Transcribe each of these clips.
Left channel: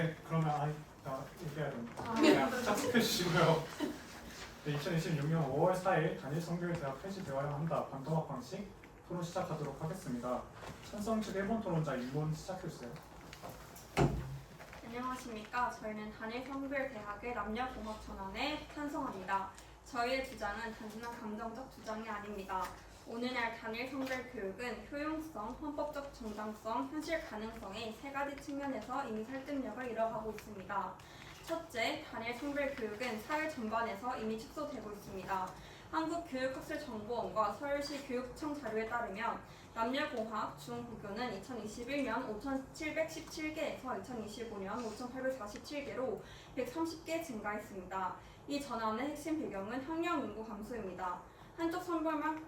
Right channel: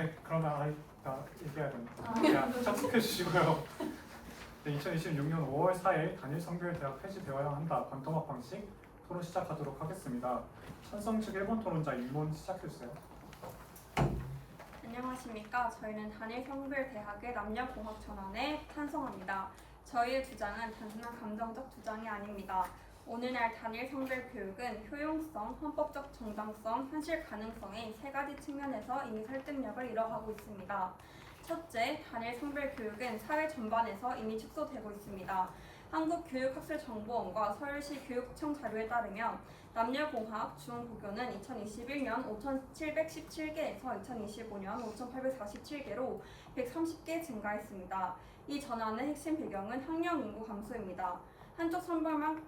네, 그러면 나 얘기해야 됩니다. 그냥 착석해 주시고요. 네, 2026년 5월 4일 단일 성별대학 폐지되어야 한다. 반토막 방식 토론 시작하도록 하겠습니다. 찬성 측 1번 토론자 임론 시작해주세요. 안녕하십니까. 저희는 단일 성별대학의 남녀공학 전환에 찬성합니다. 저희의 주장은 단순한 감정적 주장이 아닙니다. 오늘날 단일 성별 교육은 효용성, 헌법적 정당성, 현실 가능성의 세 가지 측면에서 이미 설득력을 잃어가고 있습니다. 첫째, 단일 성별 교육은 사회 전반에서 이미 축소되고 있습니다. 한국교육학술정보원과 서울시 교육청 자료에 따르면 남녀공학 중고교는 2021년 5,717개에서 2025년 5,847개로 130개 증가했습니다. 이 전환의 핵심 배경은 학령 인구 감소입니다. 한쪽 성별만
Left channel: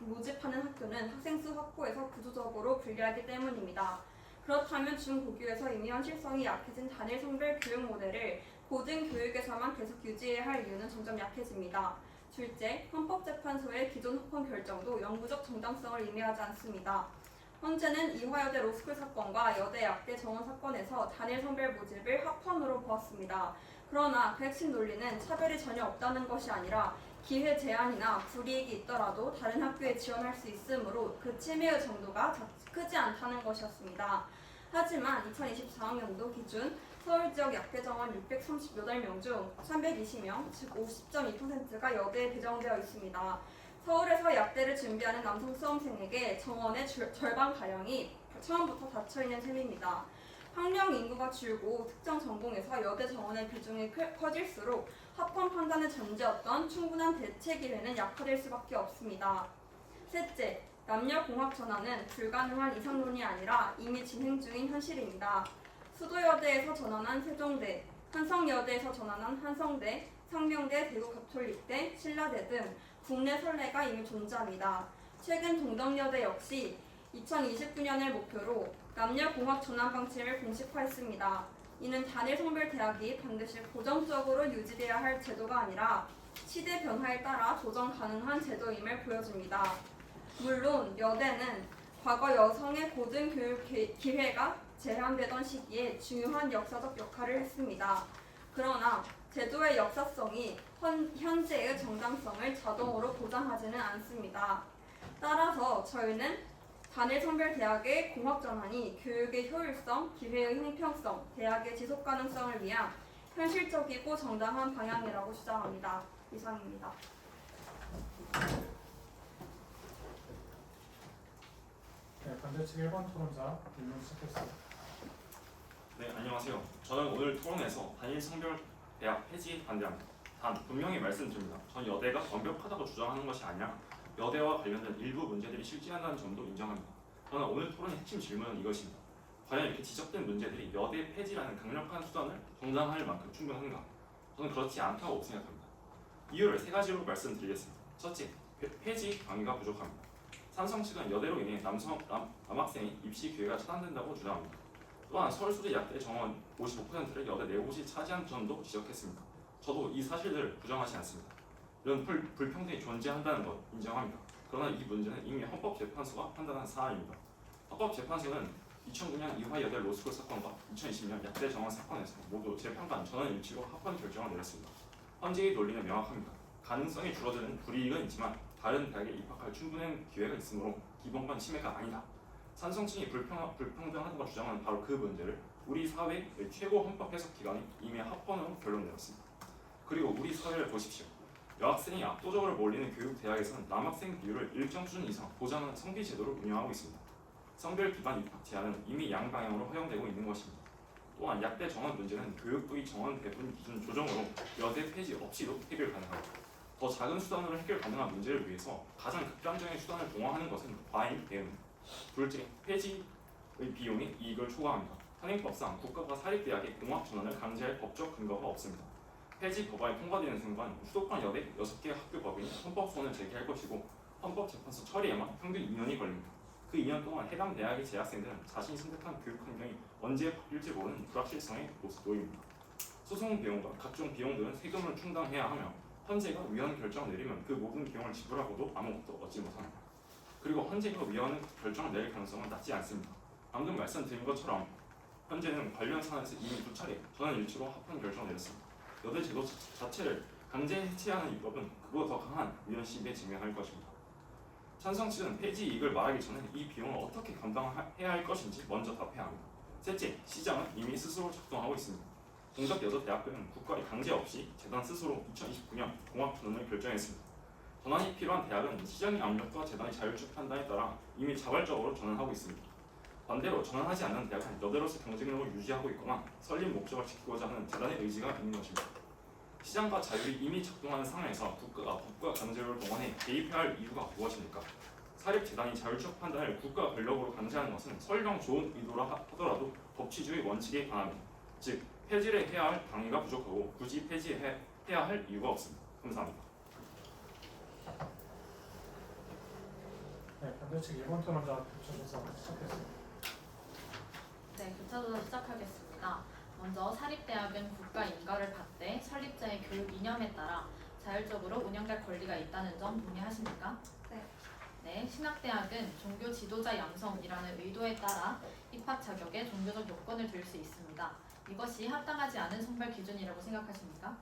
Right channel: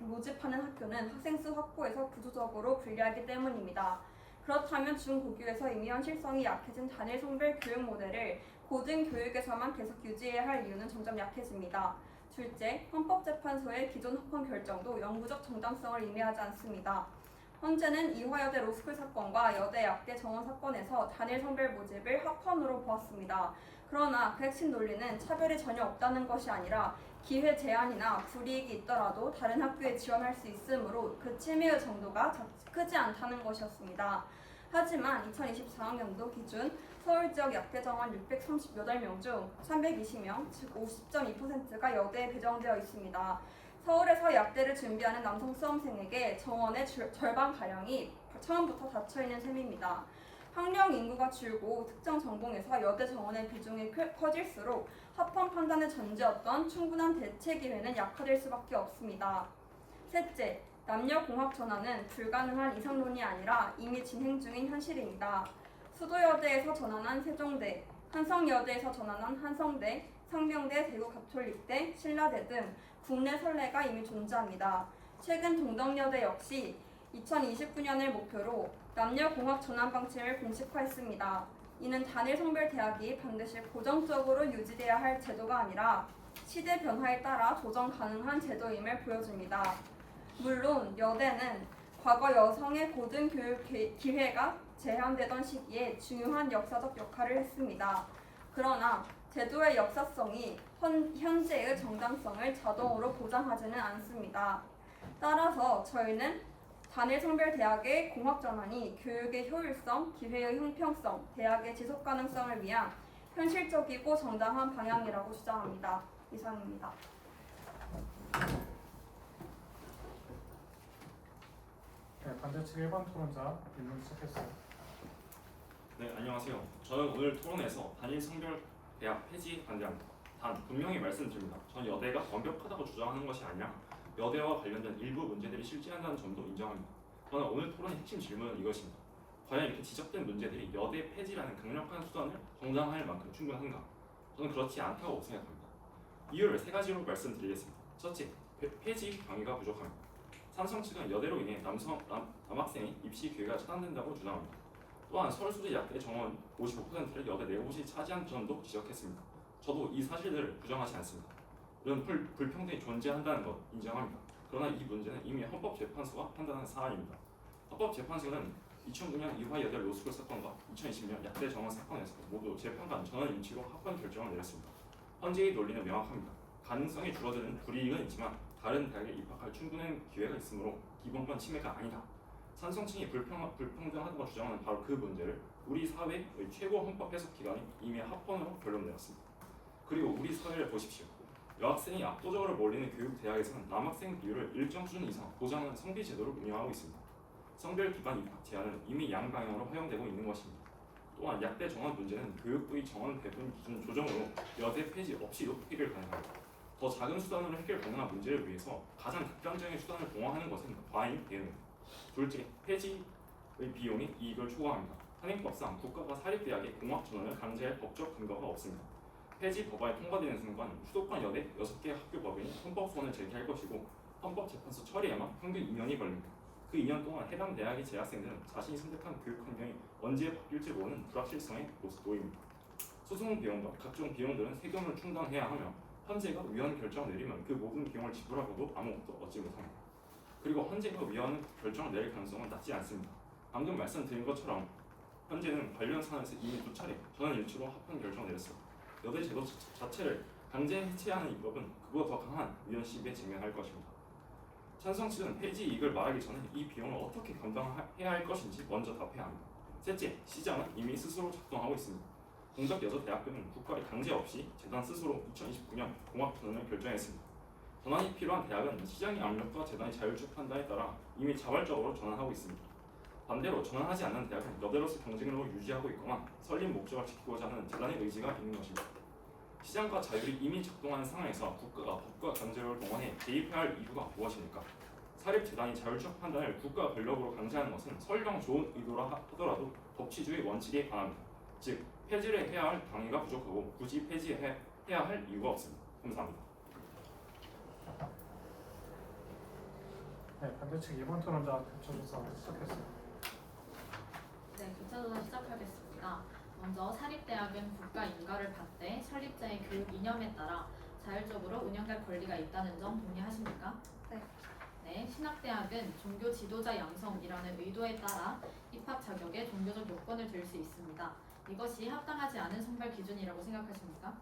모집하는 학교는 학생 수 확보에서 구조적으로 불리하기 때문입니다. 그렇다면 중고교에서 이미 현실성이 약해진 단일 성별 교육 모델을 고등교육에서만 계속 유지해야 할 이유는 점점 약해집니다. 둘째, 헌법재판소의 기존 합헌 결정도 영구적 정당성을 의미하지 않습니다. 헌재는 이화여대 로스쿨 사건과 여대 약대 정원 사건에서 단일 성별 모집을 합헌으로 보았습니다. 그러나 그 핵심 논리는 차별이 전혀 없다는 것이 아니라 기회 제한이나 불이익이 있더라도 다른 학교에 지원할 수 있으므로 그 침해의 정도가 크지 않다는 것이었습니다. 하지만 2024학년도 기준 서울 지역 약대 정원 638명 중 320명, 즉 50.2%가 여대에 배정되어 있습니다. 서울에서 약대를 준비하는 남성 수험생에게 정원의 절반가량이 처음부터 닫혀있는 셈입니다. 학령 인구가 줄고 특정 전공에서 여대 정원의 비중이 커질수록 합헌 판단의 전제였던 충분한 대체 기회는 약화될 수밖에 없습니다. 셋째, 남녀공학 전환은 불가능한 이상론이 아니라 이미 진행 중인 현실입니다. 수도여대에서 전환한 세종대, 한성여대에서 전환한 한성대, 상명대, 대구가톨릭대, 신라대 등 국내 선례가 이미 존재합니다. 최근 동덕여대 역시 2029년을 목표로 남녀공학 전환 방침을 공식화했습니다. 이는 단일 성별 대학이 반드시 고정적으로 유지돼야 할 제도가 아니라 시대 변화에 따라 조정 가능한 제도임을 보여줍니다. 물론 여대는 과거 여성의 고등교육 기회가 제한되던 시기에 중요한 역사적 역할을 했습니다. 그러나 제도의 역사성이 현재의 정당성을 자동으로 보장하지는 않습니다. 따라서 저희는 단일 성별 대학의 공학 전환이 교육의 효율성, 기회의 형평성, 대학의 지속 가능성을 위한 현실적이고 정당한 방향이라고 주장합니다. 이상입니다. 네, 반대 측 1번 토론자 임론 시작해주세요. 네, 안녕하세요. 저는 오늘 토론에서 단일 성별 대학 폐지 반대합니다. 단 분명히 말씀드립니다. 전 여대가 완벽하다고 주장하는 것이 아니라 여대와 관련된 일부 문제들이 실재한다는 점도 인정합니다. 그러나 오늘 토론의 핵심 질문은 이것입니다. 과연 이렇게 지적된 문제들이 여대 폐지라는 강력한 수단을 정당화할 만큼 충분한가? 저는 그렇지 않다고 생각합니다. 이유를 세 가지로 말씀드리겠습니다. 첫째, 폐지 강의가 부족합니다. 삼성 측은 여대로 인해 남학생의 입시 기회가 차단된다고 주장합니다. 또한 서울수제 약대 정원 55%를 여대 네 곳이 차지한 점도 지적했습니다. 저도 이 사실들을 부정하지 않습니다. 이런 불평등이 존재한다는 것 인정합니다. 그러나 이 문제는 이미 헌법재판소가 판단한 사안입니다. 헌법재판소는 2009년 이화여대 로스쿨 사건과 2020년 약대 정원 사건에서 모두 재판관 전원 일치로 합헌 결정을 내렸습니다. 헌재의 논리는 명확합니다. 가능성이 줄어드는 불이익은 있지만 다른 대학에 입학할 충분한 기회가 있으므로 기본권 침해가 아니다. 찬성층이 불평등하다고 주장하는 바로 그 문제를 우리 사회의 최고 헌법 해석 기관이 이미 합헌으로 결론 내렸습니다. 그리고 우리 사회를 보십시오. 여학생이 압도적으로 몰리는 교육 대학에서는 남학생 비율을 일정 수준 이상 보장하는 성비 제도를 운영하고 있습니다. 성별 기반 입학 제한은 이미 양방향으로 허용되고 있는 것입니다. 또한 약대 정원 문제는 교육부의 정원 배분 기준 조정으로 여대 폐지 없이도 해결 가능합니다. 더 작은 수단으로 해결 가능한 문제를 위해서 가장 극단적인 수단을 동원하는 것은 과잉 대응입니다. 둘째, 폐지의 비용이 이익을 초과합니다. 현행법상 국가가 사립대학의 공학 전환을 강제할 법적 근거가 없습니다. 폐지 법안이 통과되는 순간 수도권 여대 6개 학교 법인이 헌법소원을 제기할 것이고 헌법재판소 처리에만 평균 2년이 걸립니다. 그 2년 동안 해당 대학의 재학생들은 자신이 선택한 교육 환경이 언제 바뀔지 모르는 불확실성에 놓입니다. 소송 비용과 각종 비용들은 세금을 충당해야 하며 헌재가 위헌 결정을 내리면 그 모든 비용을 지불하고도 아무것도 얻지 못합니다. 그리고 헌재가 위헌 결정을 내릴 가능성은 낮지 않습니다. 방금 말씀드린 것처럼 현재는 관련 사안에서 이미 2차례 전원일치로 합헌 결정을 내렸습니다. 여대 제도 자체를 강제 해체하는 위법은 그보다 더 강한 위헌 시비에 직면할 것입니다. 찬성 측은 폐지 이익을 말하기 전에 이 비용을 어떻게 감당해야 할 것인지 먼저 답해야 합니다. 셋째, 시장은 이미 스스로 작동하고 있습니다. 동작여자대학교는 국가의 강제 없이 재단 스스로 2029년 공학 전환을 결정했습니다. 전환이 필요한 대학은 시장의 압력과 재단의 자율적 판단에 따라 이미 자발적으로 전환하고 있습니다. 반대로 전환하지 않는 대학은 여대로서 경쟁력을 유지하고 있거나 설립 목적을 지키고자 하는 재단의 의지가 있는 것입니다. 시장과 자율이 이미 작동하는 상황에서 국가가 법과 강제력을 동원해 개입해야 할 이유가 무엇입니까? 사립재단이 자율적 판단을 국가 권력으로 강제하는 것은 설령 좋은 의도라 하더라도 법치주의 원칙에 반합니다. 즉, 폐지를 해야 할 당위가 부족하고 굳이 폐지해야 할 이유가 없습니다. 감사합니다. 네, 반대측 2번 토론자 교차조사 시작했습니다. 네, 교차조사 시작하겠습니다. 먼저 사립대학은 국가 인가를 받되 설립자의 교육 이념에 따라 자율적으로 운영할 권리가 있다는 점 동의하십니까? 네. 네, 신학대학은 종교 지도자 양성이라는 의도에 따라 입학 자격에 종교적 요건을 들 수 있습니다. 이것이 합당하지 않은 선발 기준이라고 생각하십니까?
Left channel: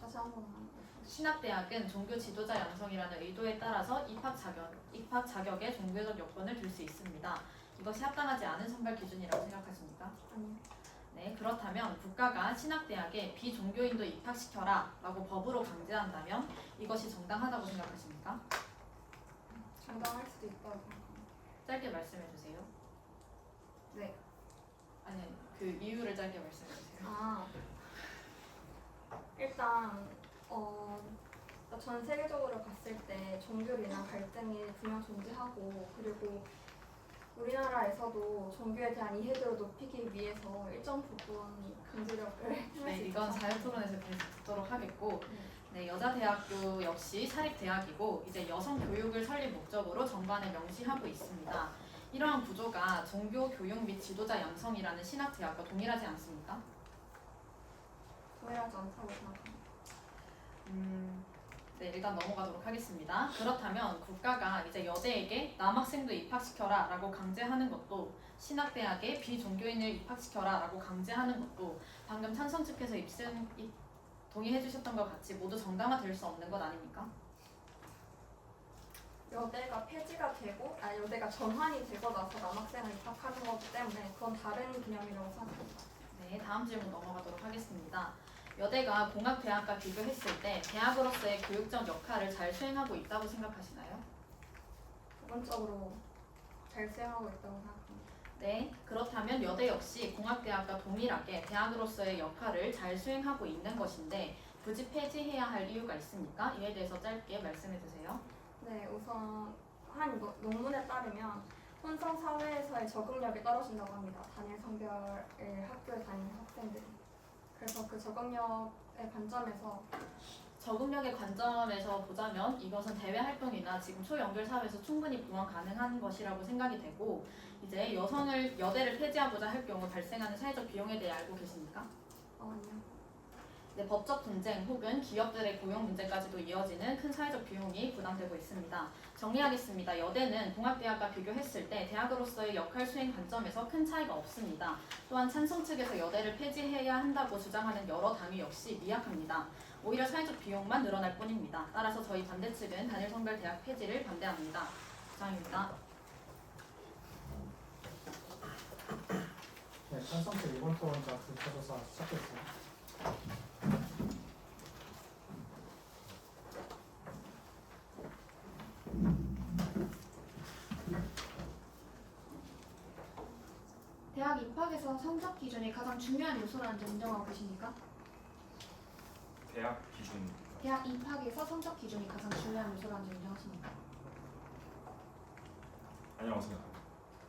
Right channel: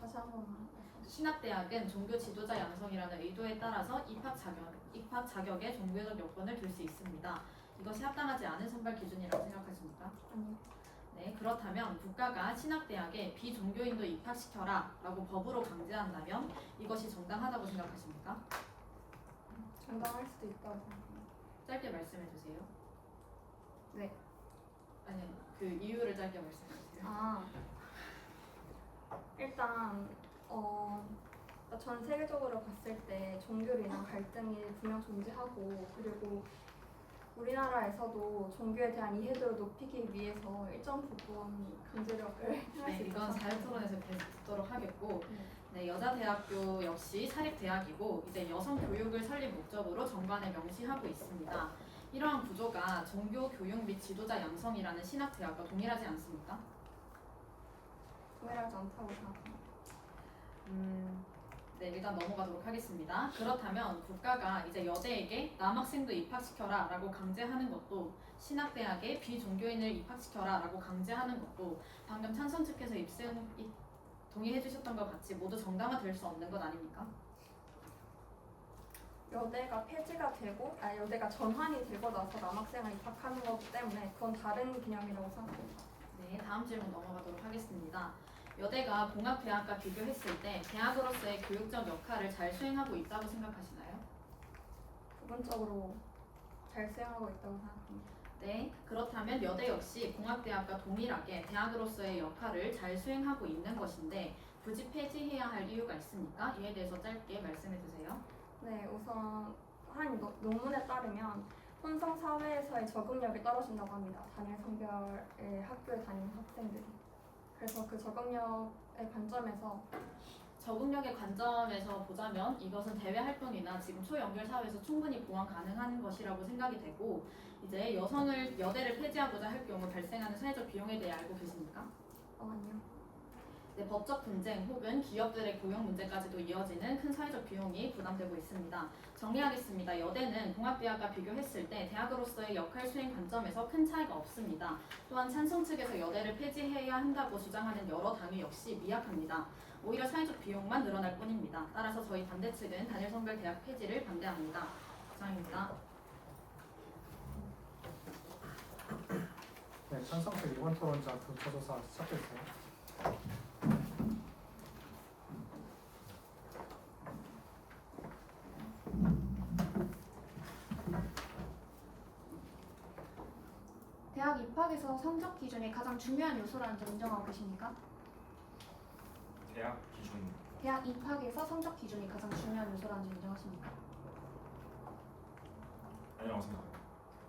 다시 한 번만. 신학대학은 종교 지도자 양성이라는 의도에 따라서 입학 자격에 종교적 요건을 들 수 있습니다. 이것이 합당하지 않은 선발 기준이라고 생각하십니까? 아니요. 네, 그렇다면 국가가 신학대학에 비종교인도 입학시켜라 라고 법으로 강제한다면 이것이 정당하다고 생각하십니까? 정당할 수도 있다고 생각합니다. 짧게 말씀해 주세요. 네. 아니, 그 이유를 짧게 말씀해 주세요. 일단 전 세계적으로 봤을 때 종교로 인한 갈등이 분명 존재하고, 그리고 우리나라에서도 종교에 대한 이해도를 높이기 위해서 일정 부분 강제력을 행할 네, 수 이건 있다고 자유토론에서 계속 듣도록 하겠고, 네. 네, 여자대학교 역시 사립대학이고 이제 여성 교육을 설립 목적으로 정관에 명시하고 있습니다. 이러한 구조가 종교 교육 및 지도자 양성이라는 신학대학과 동일하지 않습니까? 동일하지 않다고 생각합니다. 네, 일단 넘어가도록 하겠습니다. 그렇다면 국가가 이제 여대에게 남학생도 입학시켜라 라고 강제하는 것도, 신학대학에 비종교인을 입학시켜라 라고 강제하는 것도 방금 찬성 측에서 동의해 주셨던 것 같이 모두 정당화될 수 없는 것 아닙니까? 여대가 폐지가 되고, 여대가 전환이 되고 나서 남학생을 입학하는 거기 때문에 그건 다른 개념이라고 생각합니다. 네, 다음 질문 넘어가도록 하겠습니다. 여대가 공학대학과 비교했을 때 대학으로서의 교육적 역할을 잘 수행하고 있다고 생각하시나요? 부분적으로 잘 수행하고 있다고 생각합니다. 네, 그렇다면 여대 역시 공학대학과 동일하게 대학으로서의 역할을 잘 수행하고 있는 것인데 굳이 폐지해야 할 이유가 있습니까? 이에 대해서 짧게 말씀해 주세요. 네, 우선 한 논문에 따르면 혼성 사회에서의 적응력이 떨어진다고 합니다. 단일 성별의 학교에 다니는 학생들이. 그래서 그 적응력의 관점에서 적응력의 관점에서 보자면 이것은 대외 활동이나 지금 초연결 사회에서 충분히 보완 가능한 것이라고 생각이 되고, 이제 여대를 폐지하고자 할 경우 발생하는 사회적 비용에 대해 알고 계십니까? 아니요. 네, 법적 분쟁 혹은 기업들의 고용 문제까지도 이어지는 큰 사회적 비용이 부담되고 있습니다. 정리하겠습니다. 여대는 공학대학과 비교했을 때 대학으로서의 역할 수행 관점에서 큰 차이가 없습니다. 또한 찬성 측에서 여대를 폐지해야 한다고 주장하는 여러 당위 역시 미약합니다. 오히려 사회적 비용만 늘어날 뿐입니다. 따라서 저희 반대 측은 단일 성별 대학 폐지를 반대합니다. 이상입니다. 네, 찬성측 2번 토론자 교차조사 시작했어요. 대학 입학에서 성적 기준이 가장 중요한 요소라는 점 인정하고 계십니까? 대학 기준입니다. 대학 입학에서 성적 기준이 가장 중요한 요소라는 점 인정하십니까? 아니라고 생각합니다.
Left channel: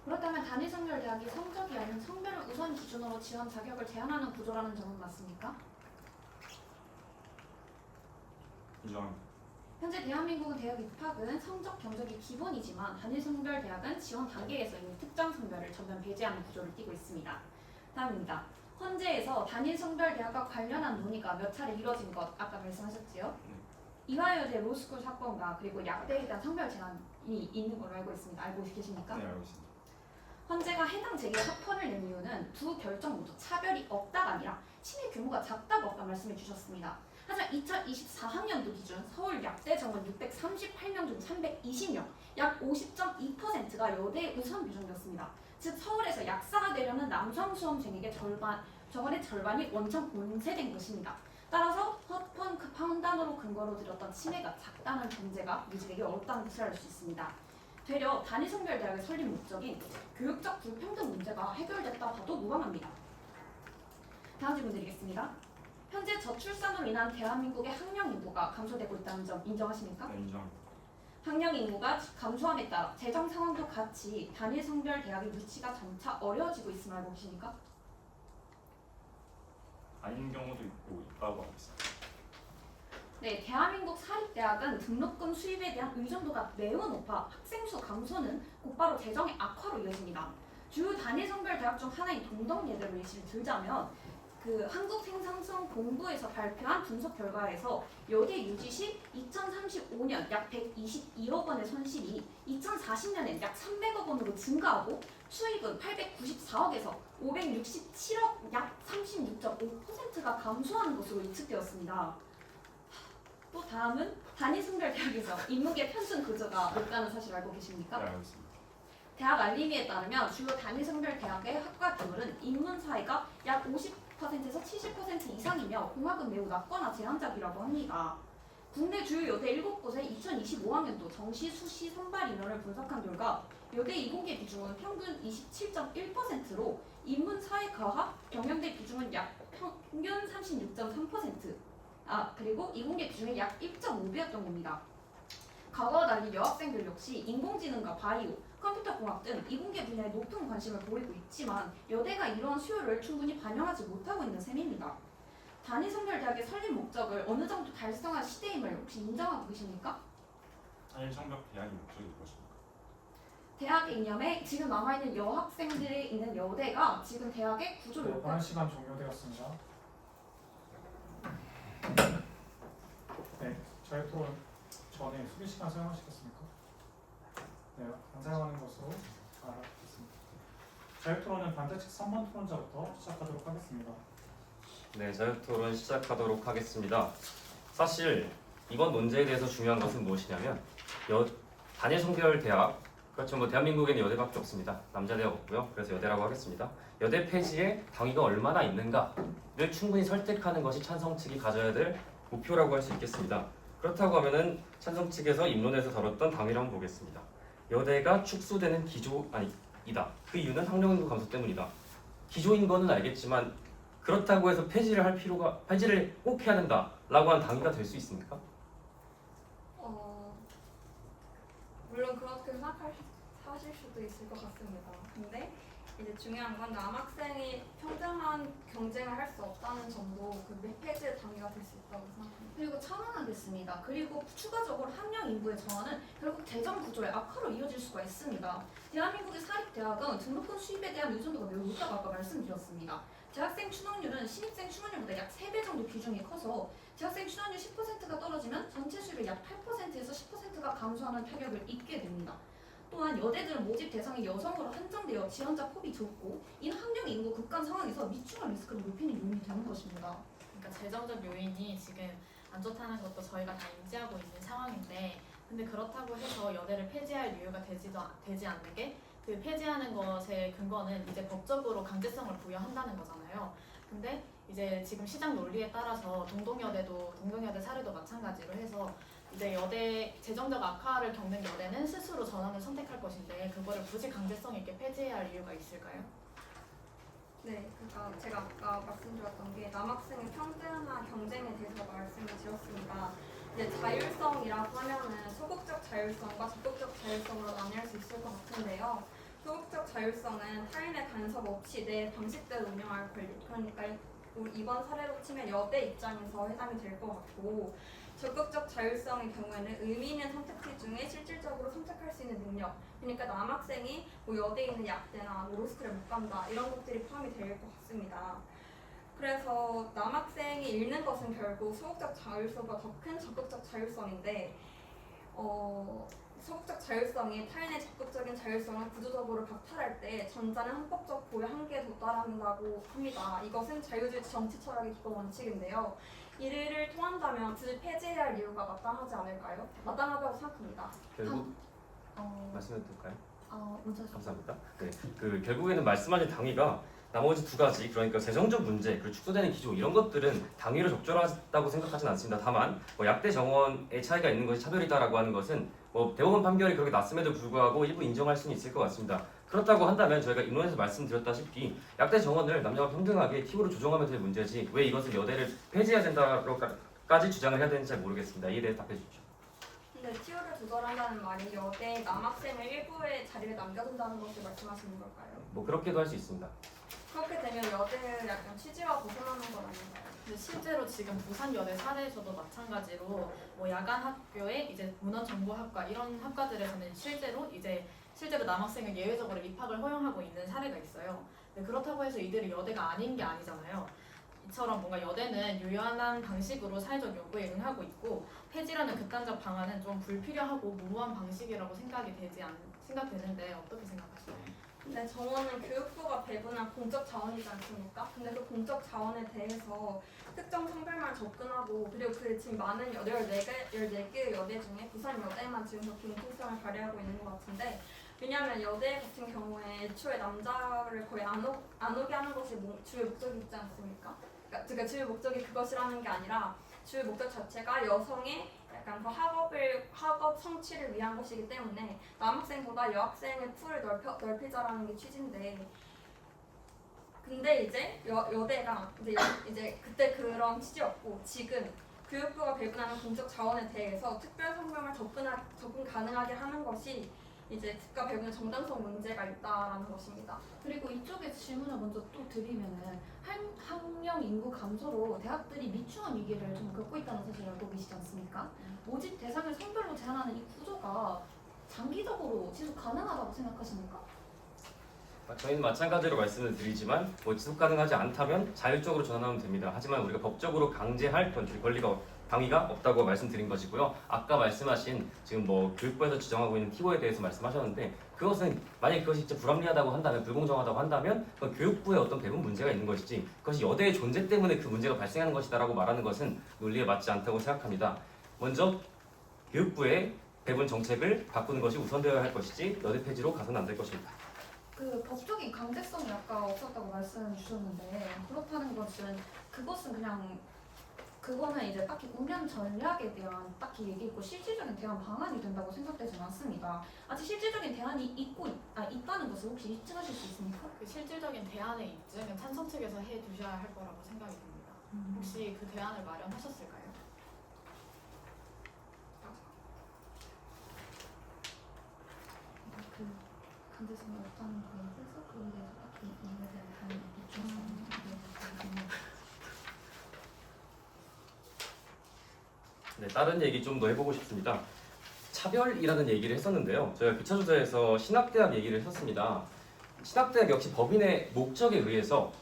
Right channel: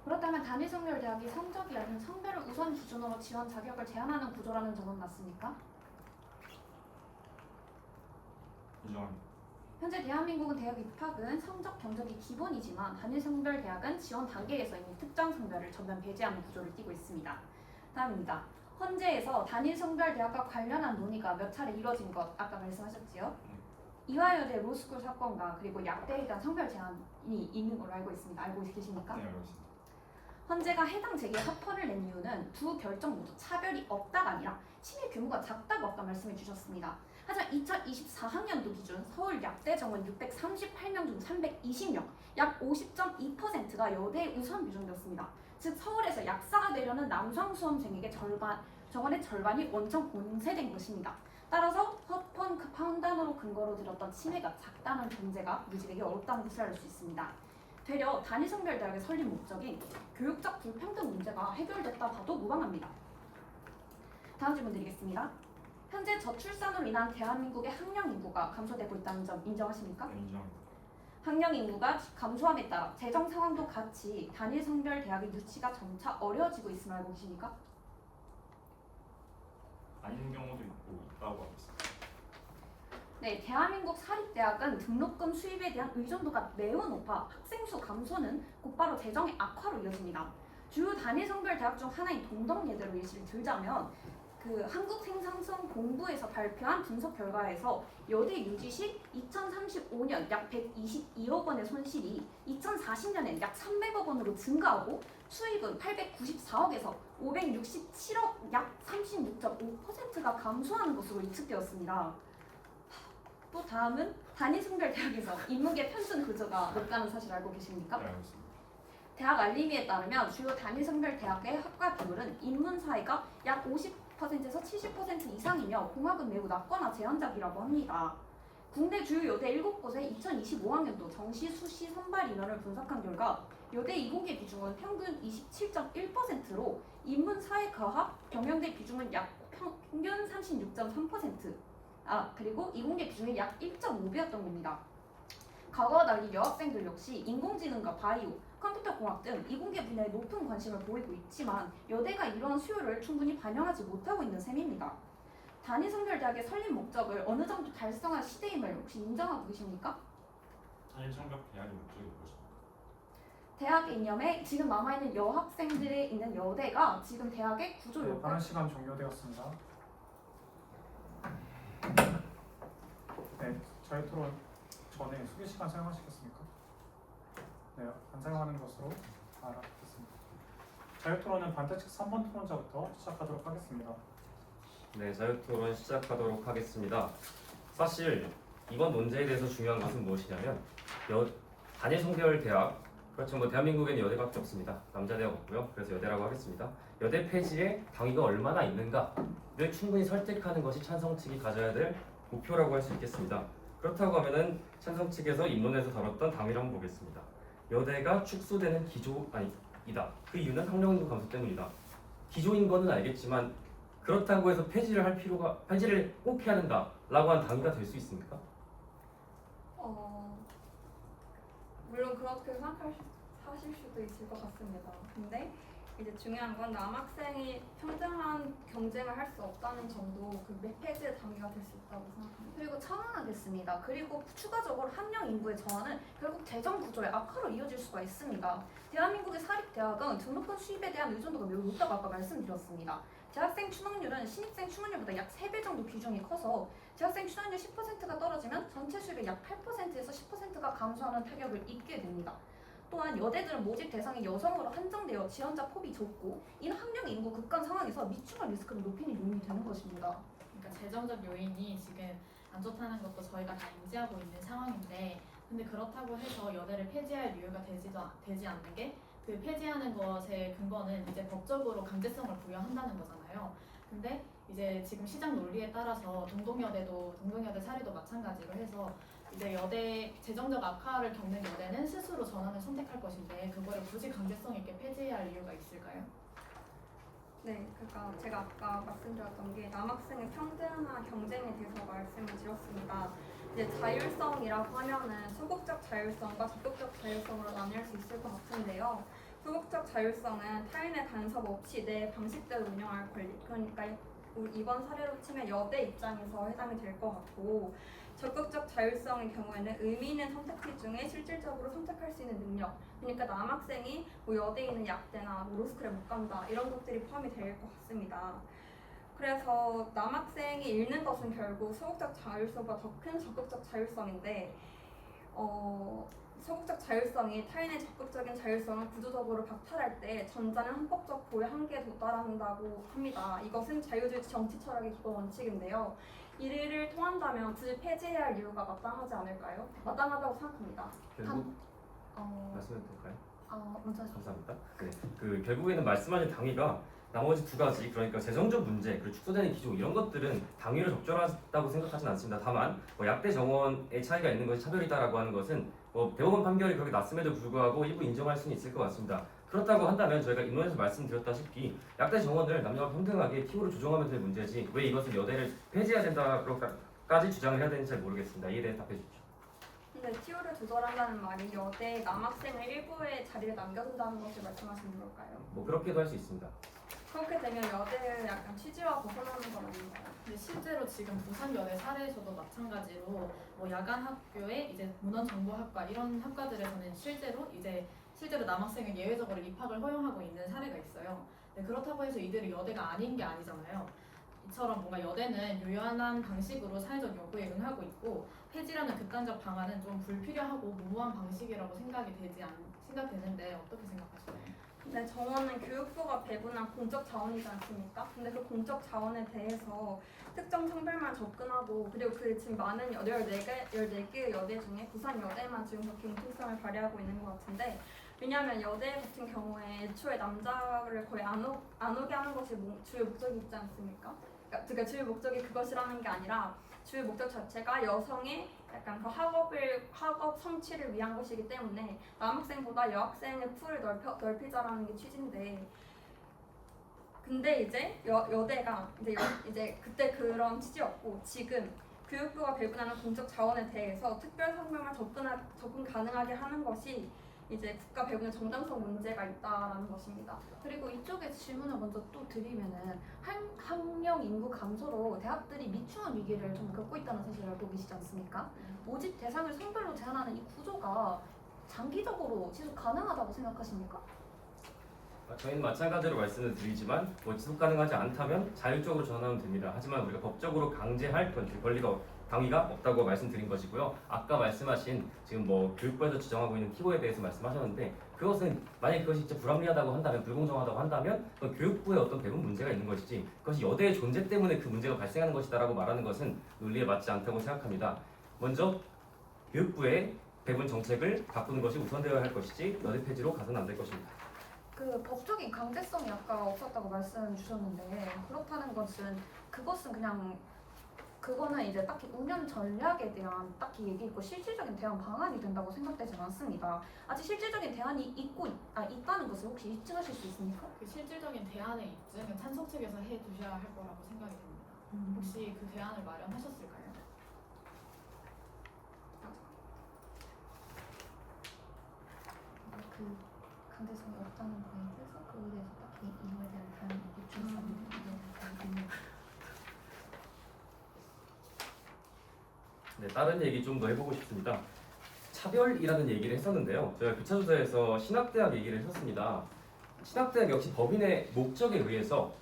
그렇다면 단일 성별 대학이 성적이 아닌 성별을 우선 기준으로 지원 자격을 제한하는 구조라는 점은 맞습니까? 인정합니다. 현재 대한민국은 대학 입학은 성적 경적이 기본이지만 단일 성별 대학은 지원 단계에서 이미 특정 성별을 전면 배제하는 구조를 띠고 있습니다. 다음입니다. 헌재에서 단일 성별 대학과 관련한 논의가 몇 차례 이뤄진 것 아까 말씀하셨지요? 이화여대 로스쿨 사건과 그리고 약대에 대한 성별 제한이 있는 걸로 알고 있습니다. 알고 계십니까? 네, 알고 있습니다. 헌재가 해당 재계 합헌을 낸 이유는 두 결정 모두 차별이 없다가 아니라 침해 규모가 작다고 아까 말씀해 주셨습니다. 하지만 2024학년도 기준 서울 약대 정원 638명 중 320명, 약 50.2%가 여대에 우선 규정되었습니다. 즉 서울에서 약사가 되려는 남성 수험생에게 정원의 절반이 원천 공세된 것입니다. 따라서 합헌 판단으로 근거로 들었던 침해가 작다는 전제가 유지되기 어렵다는 것을 알 수 있습니다. 되려 단일성별대학의 설립 목적인 교육적 불평등 문제가 해결됐다 봐도 무방합니다. 다음 질문 드리겠습니다. 현재 저출산으로 인한 대한민국의 학령 인구가 감소되고 있다는 점 인정하십니까? 네, 인정입니다. 학령 인구가 감소함에 따라 재정 상황도 같이 단일 성별 대학의 유치가 점차 어려워지고 있음을 알고 계십니까? 아닌 경우도 있다고 알고 있습니다. 네, 대한민국 사립대학은 등록금 수입에 대한 의존도가 매우 높아 학생 수 감소는 곧바로 재정의 악화로 이어집니다. 주요 단일 성별 대학 중 하나인 동덕예대로 예시를 들자면 한국생산성공부에서 발표한 분석 결과에서 여대 유지 시 2035년 약 121억 원의 손실이 2040년엔 약 300억 원으로 증가하고 수익은 894억에서 567억 약 36.5%가 감소하는 것으로 예측되었습니다. 또 다음은 단일성별대학에서 인문계 편승 구조가 높다는 사실 알고 계십니까? 네, 알고 있습니다. 대학 알림위에 따르면 주요 단일성별대학의 학과 비율은 인문사회가 약 50%에서 70% 이상이며 공학은 매우 낮거나 제한적이라고 합니다. 국내 주요 여대 7곳의 2025학년도 정시, 수시, 선발 인원을 분석한 결과 여대 이공계 비중은 평균 27.1%로 인문사회과학, 경영대 비중은 약 평균 36.3%, 그리고 이공계 비중이 약 1.5배였던 겁니다. 과거와 달리 여학생들 역시 인공지능과 바이오, 컴퓨터공학 등 이공계 분야에 높은 관심을 보이고 있지만 여대가 이러한 수요를 충분히 반영하지 못하고 있는 셈입니다. 단일성별대학의 설립 목적을 어느 정도 달성한 시대임을 혹시 인정하고 계십니까? 단일 성별 대학의 목적이 무엇입니까? 대학의 이념에 지금 남아있는 여학생들이 있는 여대가 지금 대학의 구조 네, 요건 발언 시간 종료되었습니다. 네, 자유토론 전에 수비 시간 사용하시겠습니까? 네, 안 사용하는 것으로 알아듣겠습니다. 자유토론은 반대측 3번 토론자부터 시작하도록 하겠습니다. 네, 자유토론 시작하도록 하겠습니다. 사실 이번 논제에 대해서 중요한 것은 무엇이냐면 단일 성별 대학, 그렇죠. 대한민국에는 여대밖에 없습니다. 남자 대학 없고요. 그래서 여대라고 하겠습니다. 여대 폐지에 당위가 얼마나 있는가를 충분히 설득하는 것이 찬성 측이 가져야 될 목표라고 할 수 있겠습니다. 그렇다고 하면은 찬성 측에서 입론에서 다뤘던 당위를 한번 보겠습니다. 여대가 축소되는 기조이다. 그 이유는 학령 인구 감소 때문이다. 기조인 거는 알겠지만 그렇다고 해서 폐지를 꼭 해야 된다라고 한 당위가 될 수 있습니까? 물론 그렇게 생각하실 수도 있을 것 같습니다. 근데 이제 중요한 건 남학생이 평등한 경쟁을 할 수 없다는 점도 그 폐지의 당위가 될 수 있다고 생각합니다. 그리고 첨언하겠습니다. 그리고 추가적으로 학령 인구의 정화는 결국 재정 구조의 악화로 이어질 수가 있습니다. 대한민국의 사립대학은 등록금 수입에 대한 의존도가 매우 높다고 아까 말씀드렸습니다. 재학생 충원율은 신입생 충원율보다 약 3배 정도 비중이 커서 재학생 충원율 10%가 떨어지면 전체 수입의 약 8%에서 10%가 감소하는 타격을 입게 됩니다. 또한 여대들은 모집 대상이 여성으로 한정되어 지원자 폭이 좁고 이는 학령 인구 급감 상황에서 미충할 리스크를 높이는 요인이 되는 것입니다. 그러니까 재정적 요인이 지금 안 좋다는 것도 저희가 다 인지하고 있는 상황인데, 근데 그렇다고 해서 여대를 폐지할 이유가 되지 않는 게, 그 폐지하는 것의 근거는 이제 법적으로 강제성을 부여한다는 거잖아요. 근데 이제 지금 시장 논리에 따라서 동동여대 사례도 마찬가지로 해서 이제 여대 재정적 악화를 겪는 여대는 스스로 전환을 선택할 것인데 그거를 굳이 강제성 있게 폐지해야 할 이유가 있을까요? 네, 그러니까 제가 아까 말씀드렸던 게 남학생의 평등한 경쟁에 대해서 말씀을 드렸습니다. 이제 자율성이라고 하면은 소극적 자율성과 적극적 자율성으로 나뉠 수 있을 것 같은데요. 소극적 자율성은 타인의 간섭 없이 내 방식대로 운영할 권리, 그러니까 이번 사례로 치면 여대 입장에서 해당이 될 것 같고, 적극적 자율성의 경우에는 의미 있는 선택지 중에 실질적으로 선택할 수 있는 능력, 그러니까 남학생이 여대에 있는 약대나 로스쿨에 못 간다 이런 것들이 포함이 될 것 같습니다. 그래서 남학생이 잃는 것은 결국 소극적 자율성보다 더 큰 적극적 자율성인데 소극적 자율성이 타인의 적극적인 자율성을 구조적으로 박탈할 때 전자는 헌법적 보호의 한계에 도달한다고 합니다. 이것은 자유주의 정치 철학의 기본 원칙인데요. 이를 통한다면 굳이 폐지해야 할 이유가 마땅하지 않을까요? 마땅하다고 생각합니다. 결국 어, 말씀해도 될까요? 먼저 감사합니다. 네, 그 결국에는 말씀하신 당위가 나머지 두 가지, 그러니까 재정적 문제 그리고 축소되는 기조 이런 것들은 당위로 적절하다고 생각하진 않습니다. 다만 뭐 약대 정원의 차이가 있는 것이 차별이다라고 하는 것은 뭐 대법원 판결이 그렇게 났음에도 불구하고 일부 인정할 수는 있을 것 같습니다. 그렇다고 한다면 저희가 인론에서 말씀드렸다시피 약대 정원을 남녀가 평등하게 T호로 조정하면 될 문제지 왜 이것을 여대를 폐지해야 된다고까지 주장을 해야 되는지 잘 모르겠습니다. 이에 대해 답해 주십시오. 근데 티오를 조절한다는 말이 여대 남학생을 일부의 자리에 남겨둔다는 것을 말씀하시는 걸까요? 뭐 그렇게도 할 수 있습니다. 그렇게 되면 여대의 약간 취지와 벗어나는 건 아닌가요? 근데 실제로 지금 부산여대 사례에서도 마찬가지로 뭐 야간 학교에 이제 문헌정보학과 이런 학과들에서는 실제로 남학생을 예외적으로 입학을 허용하고 있는 사례가 있어요. 네, 그렇다고 해서 이들이 여대가 아닌 게 아니잖아요. 이처럼 뭔가 여대는 유연한 방식으로 사회적 요구에 응하고 있고 폐지라는 극단적 방안은 좀 불필요하고 무모한 방식이라고 생각되는데 어떻게 생각하시나요? 근데 정원은 교육부가 배분한 공적 자원이지 않습니까? 근데 그 공적 자원에 대해서 특정 성별만 접근하고 그리고 그 지금 많은 14개의 여대 중에 부산여대만 지금 그렇게 융통성을 발휘하고 있는 것 같은데 왜냐하면 여대 같은 경우에 애초에 남자를 거의 안 오게 하는 것이 주요 목적이 있지 않습니까? 그러니까 주요 목적이 그것이라는 게 아니라 주요 목적 자체가 여성의 약간 그 학업 성취를 위한 것이기 때문에 남학생보다 여학생의 풀을 넓히자라는 게 취지인데 근데 이제 여대가 이제 그때 그런 취지였고 지금 교육부가 배분하는 공적 자원에 대해서 특별 성명을 접근 가능하게 하는 것이 이제 국가 배분의 정당성 문제가 있다라는 것입니다. 그리고 이쪽에 질문을 먼저 또 드리면은 학령 인구 감소로 대학들이 미충원 위기를 좀 겪고 있다는 사실을 알고 계시지 않습니까? 모집 대상을 성별로 제한하는 이 구조가 장기적으로 지속 가능하다고 생각하십니까? 저희는 마찬가지로 말씀을 드리지만 뭐 지속 가능하지 않다면 자율적으로 전환하면 됩니다. 하지만 우리가 법적으로 강제할 당위가 없다고 말씀드린 것이고요. 아까 말씀하신 지금 뭐 교육부에서 지정하고 있는 T호에 대해서 말씀하셨는데 그것은 만약 그것이 진짜 불합리하다고 한다면 불공정하다고 한다면 그건 교육부의 어떤 배분 문제가 있는 것이지 그것이 여대의 존재 때문에 그 문제가 발생하는 것이다라고 말하는 것은 논리에 맞지 않다고 생각합니다. 먼저 교육부의 배분 정책을 바꾸는 것이 우선되어야 할 것이지 여대 폐지로 가서는 안 될 것입니다. 그 법적인 강제성이 아까 없었다고 말씀 주셨는데 그렇다는 것은 그거는 이제 딱히 운영 전략에 대한 딱히 얘기 있고 실질적인 대안 방안이 된다고 생각되지는 않습니다. 아직 실질적인 대안이 있다는 것을 혹시 입증하실 수 있습니까? 그 실질적인 대안의 입증은 찬성 측에서 해 두셔야 할 거라고 생각이 듭니다. 혹시 그 대안을 마련하셨을까요? 그 강제성이 없다는 거에 대해서 그에 대해서 딱히 이유에 대한 대안이 있습니다. 네, 다른 얘기 좀 더 해보고 싶습니다. 차별이라는 얘기를 했었는데요. 저희가 교차조사에서 신학대학 얘기를 했었습니다. 신학대학 역시 법인의 목적에 의해서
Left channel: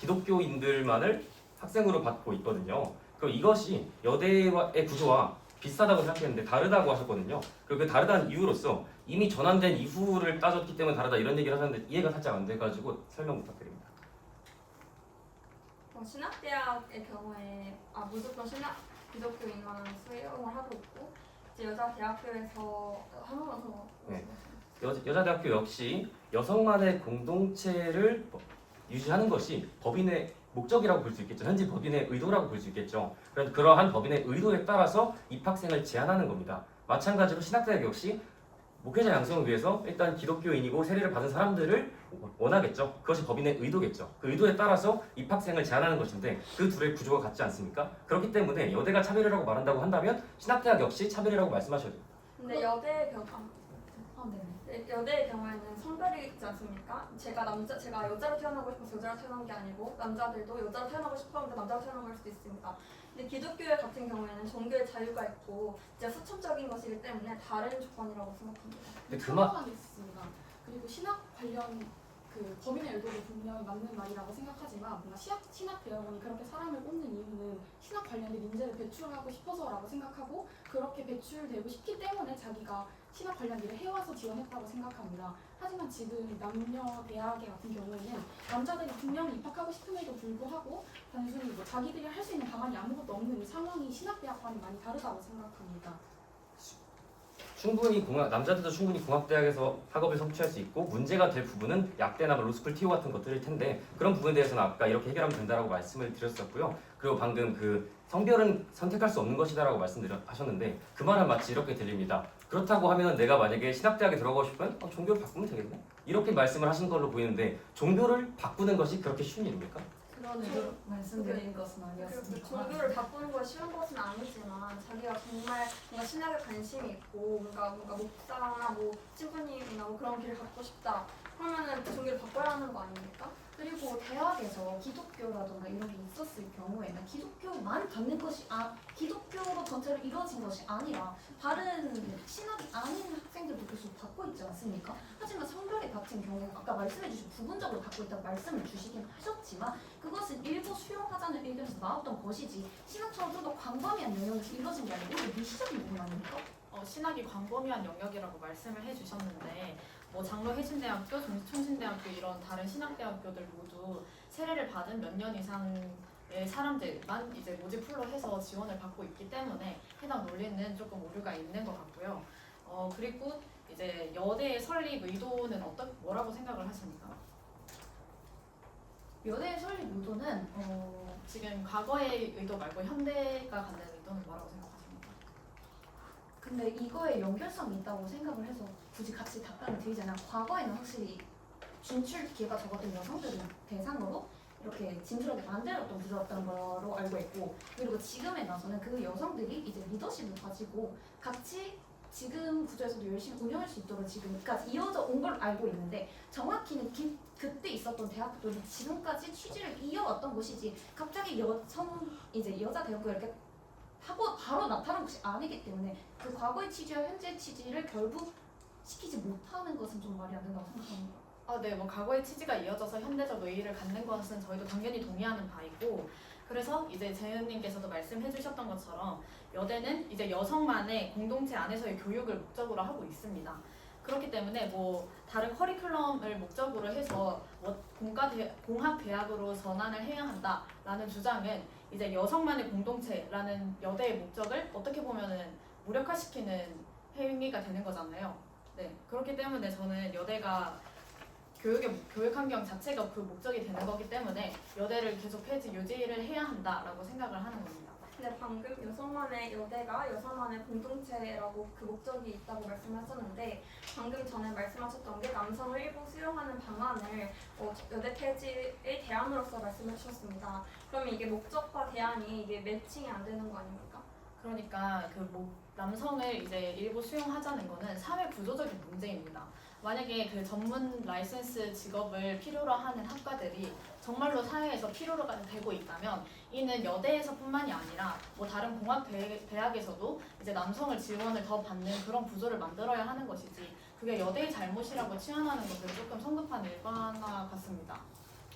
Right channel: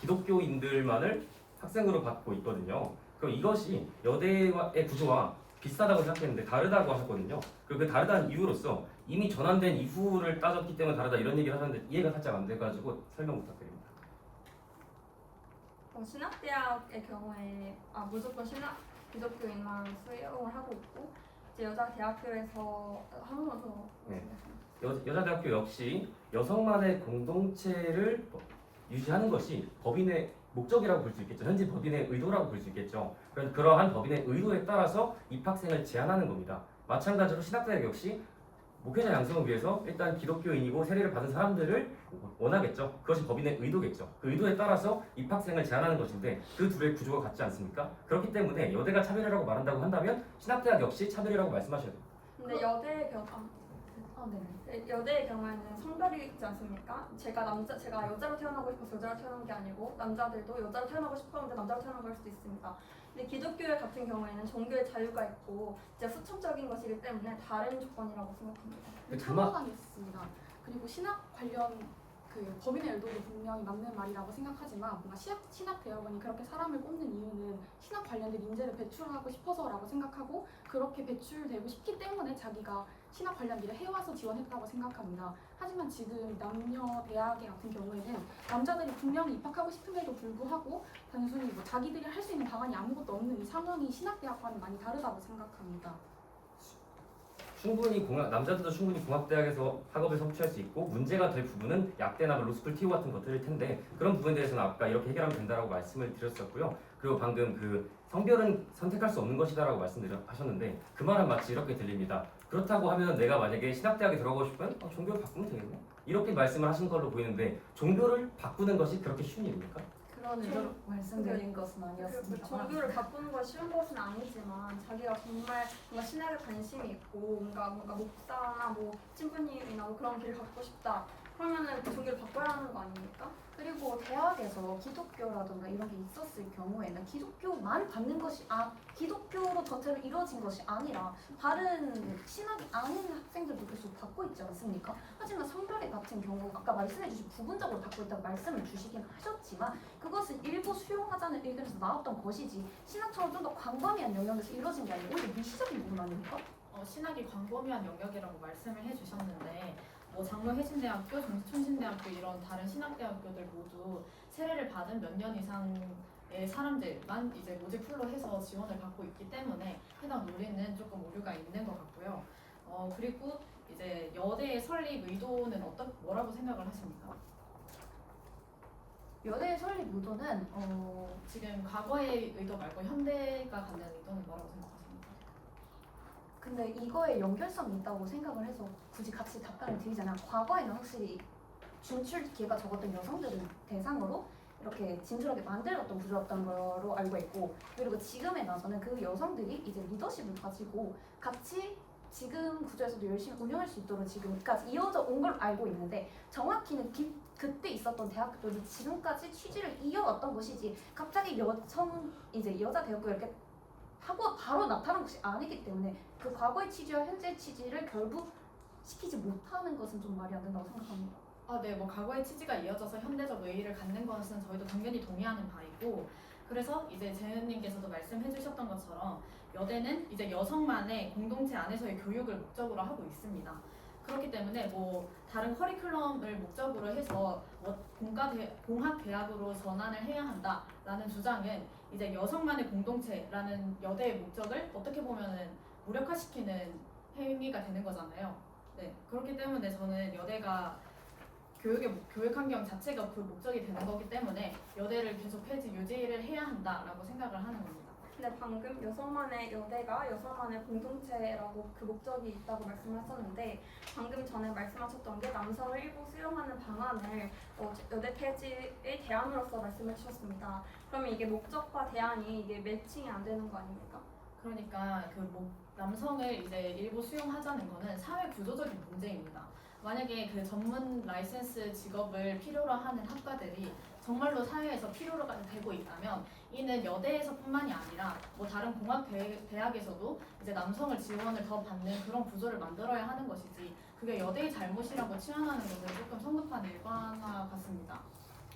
기독교인들만을 학생으로 받고 있거든요. 그럼 이것이 여대의 구조와 비슷하다고 생각했는데 다르다고 하셨거든요. 그 다르다는 이유로서 이미 전환된 이후를 따졌기 때문에 다르다 이런 얘기를 하셨는데 이해가 살짝 안 돼가지고 설명 부탁드립니다. 신학대학의 경우에 무조건 기독교인만 수용을 하고 있고 이제 여자 대학교에서 한 번만 더 네. 여자대학교 역시 여성만의 공동체를 유지하는 것이 법인의 목적이라고 볼 수 있겠죠. 현재 법인의 의도라고 볼 수 있겠죠. 그러한 법인의 의도에 따라서 입학생을 제한하는 겁니다. 마찬가지로 신학대학 역시 목회자 양성을 위해서 일단 기독교인이고 세례를 받은 사람들을 원하겠죠. 그것이 법인의 의도겠죠. 그 의도에 따라서 입학생을 제한하는 것인데 그 둘의 구조가 같지 않습니까? 그렇기 때문에 여대가 차별이라고 말한다고 한다면 신학대학 역시 차별이라고 말씀하셔야 돼요. 근데 여대의 네네. 경우에는 성별이 있지 않습니까? 제가 여자로 태어나고 싶어서 여자로 태어난 게 아니고 남자들도 여자로 태어나고 싶었는데 남자로 태어난 걸 수도 있습니다. 근데 기독교 같은 경우에는 종교의 자유가 있고 이제 수천적인 것이기 때문에 다른 조건이라고 생각합니다. 근데 참고가 있습니다. 그리고 신학 관련 그 범인의 의도도 분명히 맞는 말이라고 생각하지만 뭔가 신학대학원이 그렇게 사람을 뽑는 이유는 신학 관련된 인재를 배출하고 싶어서라고 생각하고 그렇게 배출되고 싶기 때문에 자기가 신학 관련 일을 해와서 지원했다고 생각합니다. 하지만 지금 남녀 대학의 같은 경우에는 남자들이 분명히 입학하고 싶음에도 불구하고 단순히 뭐 자기들이 할 수 있는 방안이 아무것도 없는 이 상황이 신학대학과는 많이 다르다고 생각합니다. 충분히 남자들도 충분히 공학대학에서 학업을 성취할 수 있고 문제가 될 부분은 약대나 로스쿨 TO 같은 것들일 텐데 그런 부분에 대해서는 아까 이렇게 해결하면 된다라고 말씀을 드렸었고요. 그리고 방금 그 성별은 선택할 수 없는 것이다라고 말씀하셨는데 그 말은 마치 이렇게 들립니다. 그렇다고 하면 내가 만약에 신학대학에 들어가고 싶으면 종교를 바꾸면 되겠네? 이렇게 말씀을 하신 걸로 보이는데 종교를 바꾸는 것이 그렇게 쉬운 일입니까? 그런 의도로 말씀드린 것은 그 아니었습니다. 종교를 바꾸는 건 쉬운 것은 아니지만 자기가 정말 뭔가 신학에 관심이 있고 뭔가 목사나 뭐 신부님이나 뭐 그런 길을 갖고 싶다. 그러면은 그 종교를 바꿔야 하는 거 아닙니까? 그리고 대학에서 기독교라든가 이런 게 있었을 경우에는 기독교만 받는 것이 기독교로 전체로 이루어진 것이 아니라 다른 신학이 아닌 학생들도 계속 받고 있지 않습니까? 하지만 성별의 같은 경우 아까 말씀해주신 부분적으로 받고 있다고 말씀을 주시긴 하셨지만 그것은 일부 수용하자는 의견에서 나왔던 것이지 신학처럼 좀 더 광범위한 영역에서 이루어진 게 아니고 오히려 미시적인 부분 아닙니까? 신학이 광범위한 영역이라고 말씀을 해주셨는데 뭐 장로해신대학교, 정치총신대학교 이런 다른 신학대학교들 모두 세례를 받은 몇 년 이상의 사람들만 이제 모집풀로 해서 지원을 받고 있기 때문에 해당 논리는 조금 오류가 있는 것 같고요. 그리고 이제 여대의 설립 의도는 뭐라고 생각을 하십니까? 여대의 설립 의도는 지금 과거의 의도 말고 현대가 갖는 의도는 뭐라고 생각하십니까? 근데 이거에 연결성이 있다고 생각을 해서 굳이 같이 답변을 드리자면 과거에는 확실히 진출기회가 적었던 여성들을 대상으로 이렇게 진출하게 만들었던 구조였던 거로 알고 있고 그리고 지금에 나서는 그 여성들이 이제 리더십을 가지고 같이 지금 구조에서도 열심히 운영할 수 있도록 지금까지 이어져 온 걸 알고 있는데 정확히는 그때 있었던 대학교들이 지금까지 취지를 이어왔던 것이지 갑자기 여자 대학교 이렇게 하고 바로 나타난 것이 아니기 때문에 그 과거의 취지와 현재 취지를 결부시키지 못하는 것은 좀 말이 안 된다고 생각합니다. 네, 뭐 과거의 취지가 이어져서 현대적 의의를 갖는 것은 저희도 당연히 동의하는 바이고 그래서 이제 재은님께서도 말씀해주셨던 것처럼 여대는 이제 여성만의 공동체 안에서의 교육을 목적으로 하고 있습니다. 그렇기 때문에 뭐 다른 커리큘럼을 목적으로 해서 뭐 공학대학으로 전환을 해야 한다라는 주장은 이제 여성만의 공동체라는 여대의 목적을 어떻게 보면은 무력화시키는 행위가 되는 거잖아요. 네, 그렇기 때문에 저는 여대가 교육 환경 자체가 그 목적이 되는 거기 때문에 여대를 계속 유지를 해야 한다라고 생각을 하는 겁니다. 근데 방금 여성만의 여대가 여성만의 공동체라고 그 목적이 있다고 말씀하셨는데 방금 전에 말씀하셨던 게 남성을 일부 수용하는 방안을 여대 폐지의 대안으로서 말씀해 주셨습니다. 그러면 이게 목적과 대안이 이게 매칭이 안 되는 거 아닙니까? 그러니까 남성을 이제 일부 수용하자는 거는 사회 구조적인 문제입니다. 만약에 그 전문 라이센스 직업을 필요로 하는 학과들이 정말로 사회에서 필요로 되고 있다면 이는 여대에서뿐만이 아니라 뭐 다른 공학대학에서도 이제 남성을 지원을 더 받는 그런 구조를 만들어야 하는 것이지 그게 여대의 잘못이라고 치환하는 것은 조금 성급한 일반화 같습니다.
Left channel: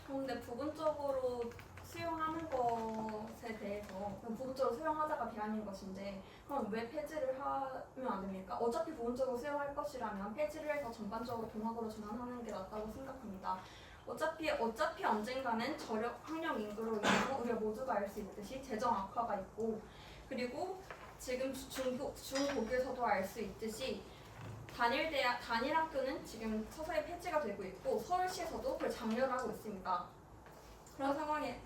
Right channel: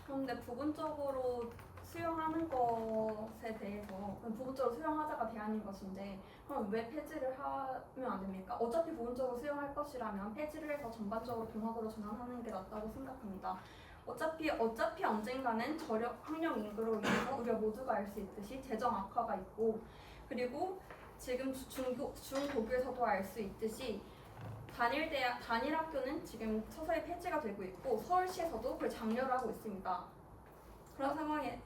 그런데 부분적으로 수용하는 것에 대해서 부분적으로 수용하자가 대안인 것인데 그럼 왜 폐지를 하면 안 됩니까? 어차피 부분적으로 수용할 것이라면 폐지를 해서 전반적으로 공학으로 전환하는 게 낫다고 생각합니다. 어차피 언젠가는 저력 학령 인구로 인해서 우리가 모두가 알 수 있듯이 재정 악화가 있고 그리고 지금 중고교에서도 알 수 있듯이 단일 학교는 지금 서서히 폐지가 되고 있고 서울시에서도 그걸 장려를 하고 있습니다. 그런 상황에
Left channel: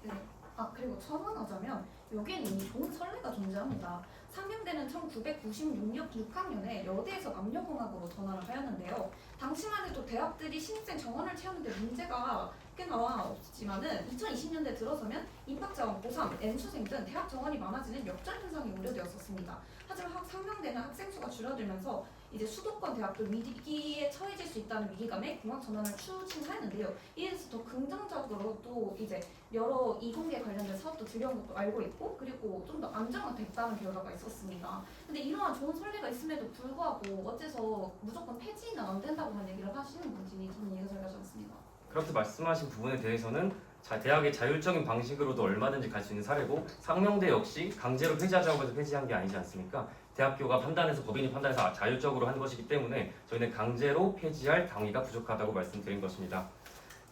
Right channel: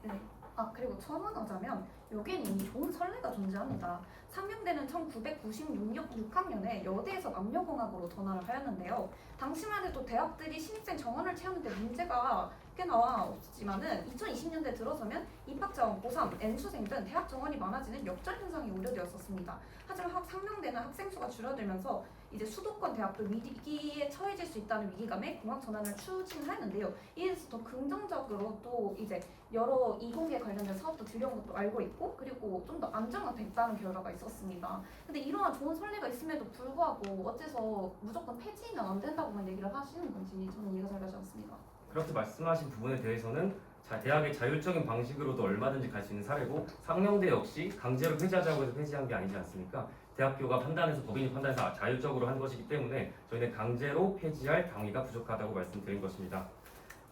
그리고 첨언하자면 여기는 이미 좋은 선례가 존재합니다. 상명대는 1996년에 여대에서 남녀공학으로 전환을 하였는데요. 당시만 해도 대학들이 신입생 정원을 채우는데 문제가 꽤나 없지만은 2020년대 들어서면 입학자원, 고3, N수생 등 대학 정원이 많아지는 역전 현상이 우려되었었습니다. 하지만 상명대는 학생 수가 줄어들면서 이제 수도권 대학도 위기에 처해질 수 있다는 위기감에 공학 전환을 추진하였는데요. 이에 대해서 더 긍정적으로 또 이제 여러 이공계 관련된 사업도 들여온 것도 알고 있고 그리고 좀 더 안정화됐다는 결과가 있었습니다. 근데 이러한 좋은 선례가 있음에도 불구하고 어째서 무조건 폐지는 안 된다고만 얘기를 하시는 건지 저는 이해가 잘 가지 않습니다. 그렇게 말씀하신 부분에 대해서는 대학의 자율적인 방식으로도 얼마든지 갈 수 있는 사례고 상명대 역시 강제로 폐지하자고 해서 폐지한 게 아니지 않습니까? 대학교가 판단해서 법인이 판단해서 자율적으로 한 것이기 때문에 저희는 강제로 폐지할 당위가 부족하다고 말씀드린 것입니다.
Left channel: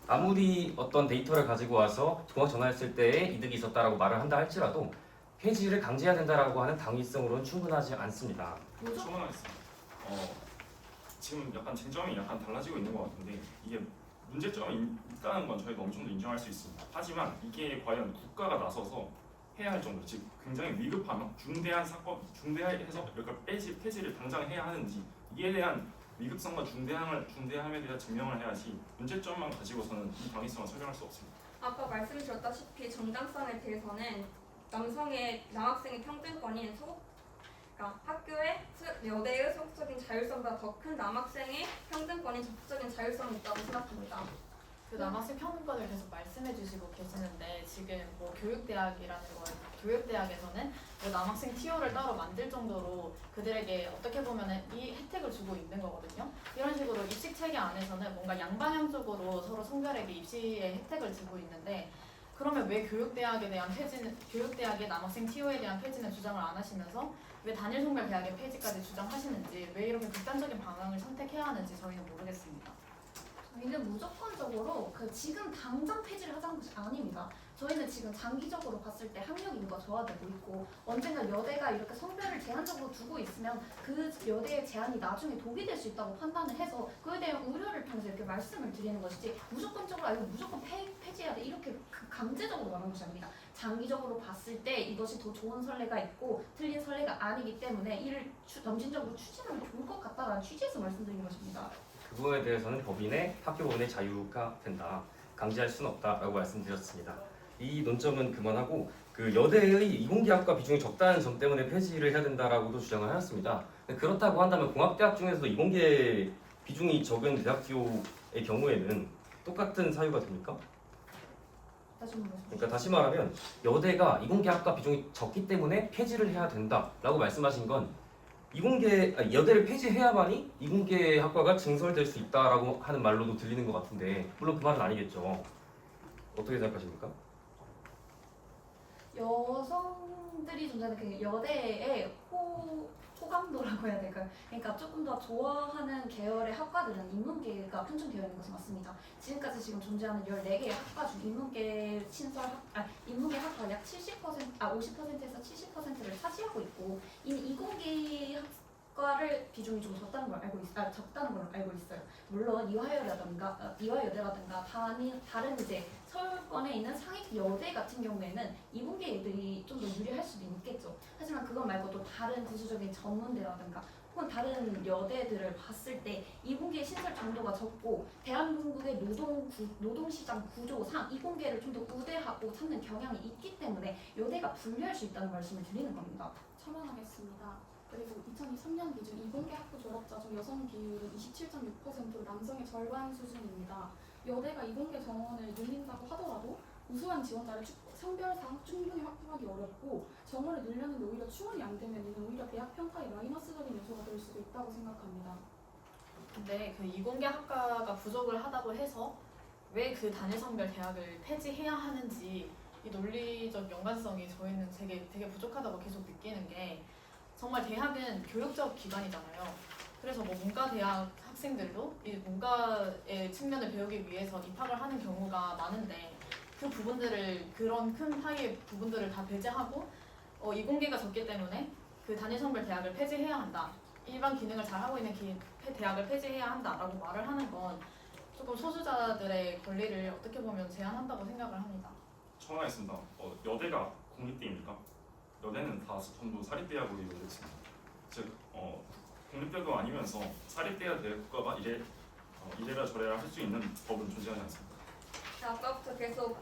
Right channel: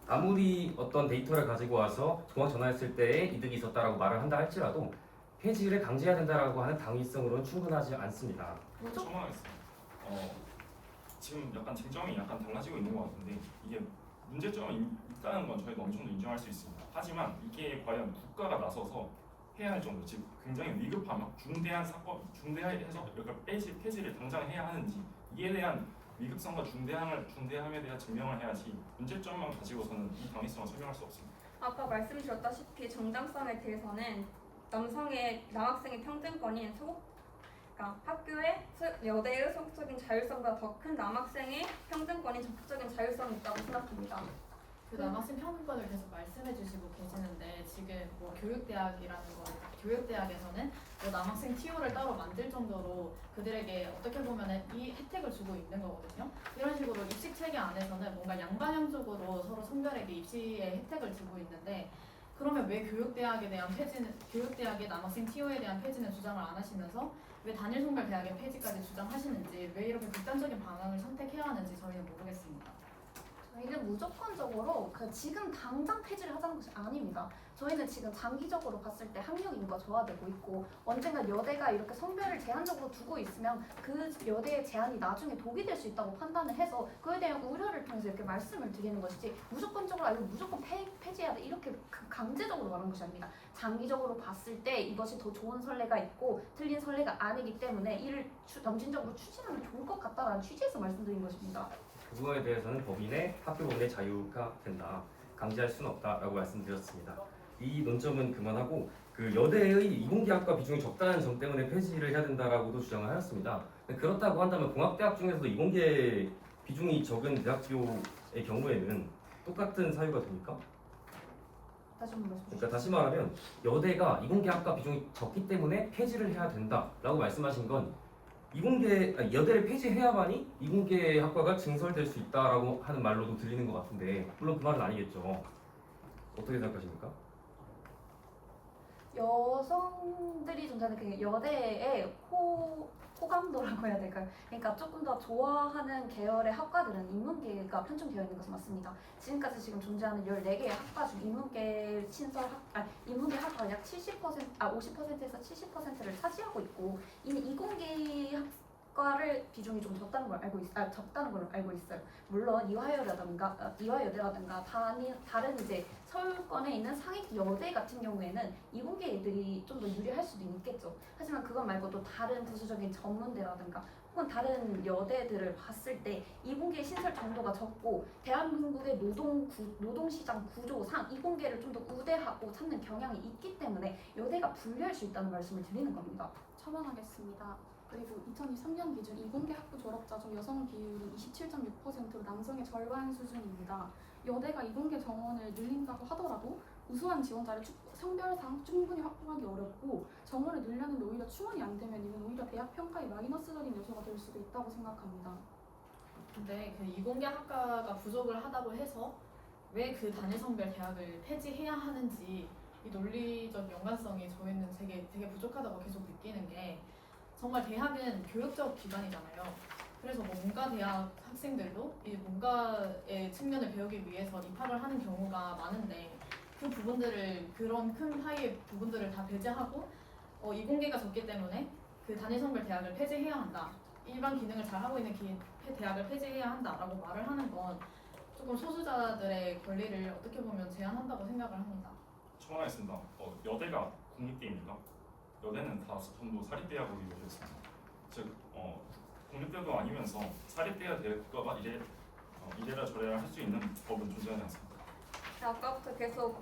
아무리 어떤 데이터를 가지고 와서 공학 전환했을 때에 이득이 있었다라고 말을 한다 할지라도 폐지를 강제해야 된다라고 하는 당위성으로는 충분하지 않습니다. 첨언하겠습니다. 지금 약간 쟁점이 약간 달라지고 있는 것 같은데 이게 문제점이 있다는 건 저희도 어느 정도 인정할 수 있습니다. 하지만 이게 과연 국가가 나서서 해야 할 정도, 즉 굉장히 위급한 중대한 사건, 중대해서 그러니까 폐지를 당장 해야 하는지 이에 대한 위급성과 중대함에 대한 증명을 해야지 문제점만 가지고서는 이 당위성을 설명할 수 없습니다. 아까 말씀드렸다시피 정당성에 대해서는 남학생의 평등권인 그러니까 여대의 소극적인 자율성보다 더 큰 남학생의 평등권인 적극적인 자율성이 있다고 생각합니다. 그 남학생 평등권을 계속 말씀해 주시고 계시는데 지금 뭐 교육대학에서는 뭐 남학생 TO를 따로 만들 정도로 그들에게 어떻게 보면 이 혜택을 주고 있는 거거든요. 이런 식으로 입시 체계 안에서는 뭔가 양방향적으로 서로 성별에게 입시의 혜택을 주고 있는데 그러면 왜 교육대학의 남학생 TO에 대한 폐지는 주장을 안 하시면서 왜 단일 성별 대학의 폐지까지 주장하시는지 왜 이렇게 극단적인 방향을 선택해야 하는지 저희는 모르겠습니다. 저희는 무조건적으로 지금 당장 폐지를 하자는 것이 아닙니다. 저희는 지금 장기적으로 봤을 때 학력 인구가 저하되고 있고 언젠가 여대가 이렇게 성별을 제한적으로 두고 있으면 그 여대의 제한이 나중에 독이 될 수 있다고 판단을 해서 그에 대한 우려를 통해서 이렇게 말씀을 드리는 것이지 무조건적으로 이거 무조건 폐지해야 돼 이렇게 강제적으로 말하는 것이 아닙니다. 장기적으로 봤을 때 이것이 더 좋은 선례가 있고 틀린 선례가 아니기 때문에 이를 점진적으로 추진하면 좋을 것 같다라는 취지에서 말씀드린 것입니다. 그 부분에 대해서는 학교 법인의 자유가 된다. 강제할 수는 없다라고 말씀드렸습니다. 이 논점은 그만하고 여대의 이공계학과 비중이 적다는 점 때문에 폐지를 해야 된다라고도 주장을 하였습니다. 그렇다고 한다면 공학대학 중에서도 이공계 비중이 적은 대학교의 경우에는 똑같은 사유가 됩니까? 다시 한번 말씀 주시죠. 그러니까 다시 말하면 여대가 이공계학과 비중이 적기 때문에 폐지를 해야 된다라고 말씀하신 건 여대를 폐지해야만이 이공계 학과가 증설될 수 있다라고 하는 말로도 들리는 것 같은데 물론 그 말은 아니겠죠. 어떻게 생각하십니까? 여성들이 존재하는 그 여대의 호감도라고 해야 될까요? 그러니까 조금 더 좋아하는 계열의 학과들은 인문계가 편중되어 있는 것은 맞습니다. 지금까지 존재하는 14개의 학과 중 인문계 학과가 약 50%에서 70%를 차지하고 있고 이미 이공계 학과를 비중이 좀 적다는 걸 알고 있어요. 물론 이화여대라든가 다른 이제 서울권에 있는 상위 여대 같은 경우에는 이공계 애들이 좀 더 유리할 수도 있겠죠. 하지만 그것 말고 또 다른 부수적인 전문대라든가 혹은 다른 여대들을 봤을 때 이공계 신설 정도가 적고 대한민국의 노동시장 구조상 이공계를 좀 더 우대하고 찾는 경향이 있기 때문에 여대가 불리할 수 있다는 말씀을 드리는 겁니다. 첨언하겠습니다. 그리고 2023년 기준 이공계 학부 졸업자 중 여성 비율은 27.6%로 남성의 절반 수준입니다. 여대가 이공계 정원을 늘린다고 하더라도 우수한 지원자를 성별상 충분히 확보하기 어렵고 정원을 늘렸는데 오히려 충원이 안 되면 이는 오히려 대학 평가에 마이너스적인 요소가 될 수도 있다고 생각합니다. 근데 그 이공계 학과가 부족을 하다고 해서 왜 그 단일 성별 대학을 폐지해야 하는지 이 논리적 연관성이 저희는 되게 부족하다고 계속 느끼는 게 정말 대학은 교육적 기관이잖아요. 그래서 뭐 문과대학 학생들도 이 문과의 측면을 배우기 위해서 입학을 하는 경우가 많은데 그런 큰 파이의 부분들을 다 배제하고 이공계가 적기 때문에 그 단일 성별 대학을 폐지해야 한다. 일반 기능을 잘 하고 있는 대학을 폐지해야 한다라고 말을 하는 건 조금 소수자들의 권리를 어떻게 보면 제한한다고 생각을 합니다. 첨언하겠습니다. 여대가 공립대입니까? 여대는 다 전부 사립대학으로 이루어져 있습니다. 즉 공립대도 아니면서 사립대가 될 국가가 이래라 저래라 할 수 있는 법은 존재하지 않습니다. 아까부터 계속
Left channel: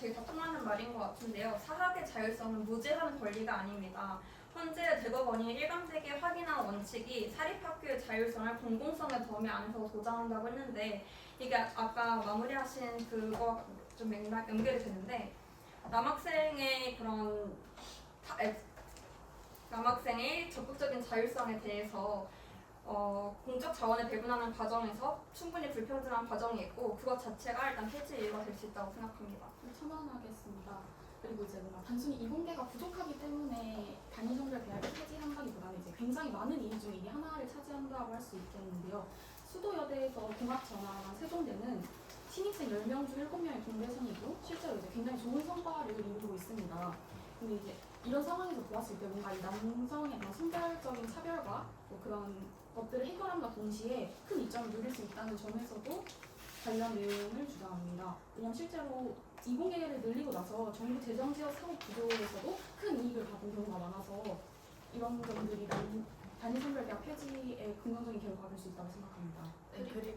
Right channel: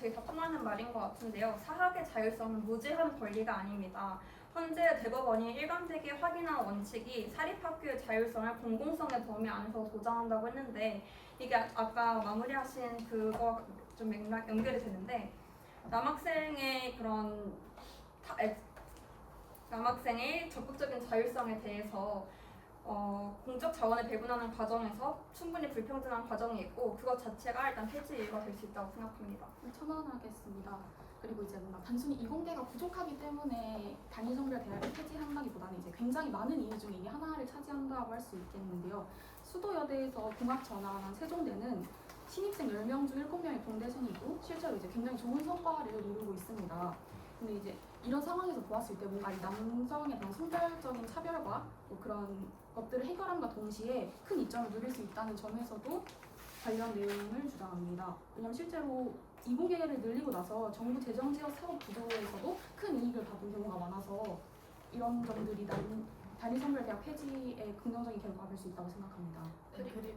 저희가 통하는 말인 것 같은데요. 사학의 자율성은 무제한 권리가 아닙니다. 현재 대법원이 일관되게 확인한 원칙이 사립학교의 자율성을 공공성의 범위 안에서 보장한다고 했는데 이게 아까 마무리하신 그거 좀 맥락 연결이 되는데 남학생의 적극적인 자율성에 대해서 공적 자원을 배분하는 과정에서 충분히 불평등한 과정이 있고 그것 자체가 일단 폐지 이유가 될 수 있다고 생각합니다. 처방하겠습니다. 그리고 이제 뭔가 단순히 이공계가 부족하기 때문에 단일성별 대학을 폐지한다기보다는 이제 굉장히 많은 이유 중에 이 하나를 차지한다고 할 수 있겠는데요. 수도여대에서 공학 전환한 세종대는 신입생 10명 중 7명이 공대생이고 실제로 이제 굉장히 좋은 성과를 이루고 있습니다. 근데 이제 이런 상황에서 보았을 때 뭔가 이 남성의 그런 성별적인 차별과 뭐 그런 것들을 해결함과 동시에 큰 이점을 누릴 수 있다는 점에서도 관련 내용을 주장합니다. 왜냐하면 실제로 이공계를 늘리고 나서 정부 재정 지원 사업 구조에서도 큰 이익을 받은 경우가 많아서 이런 점들이 단일 성별 대학 폐지에 긍정적인 결과가 될 수 있다고 생각합니다. 네, 그리고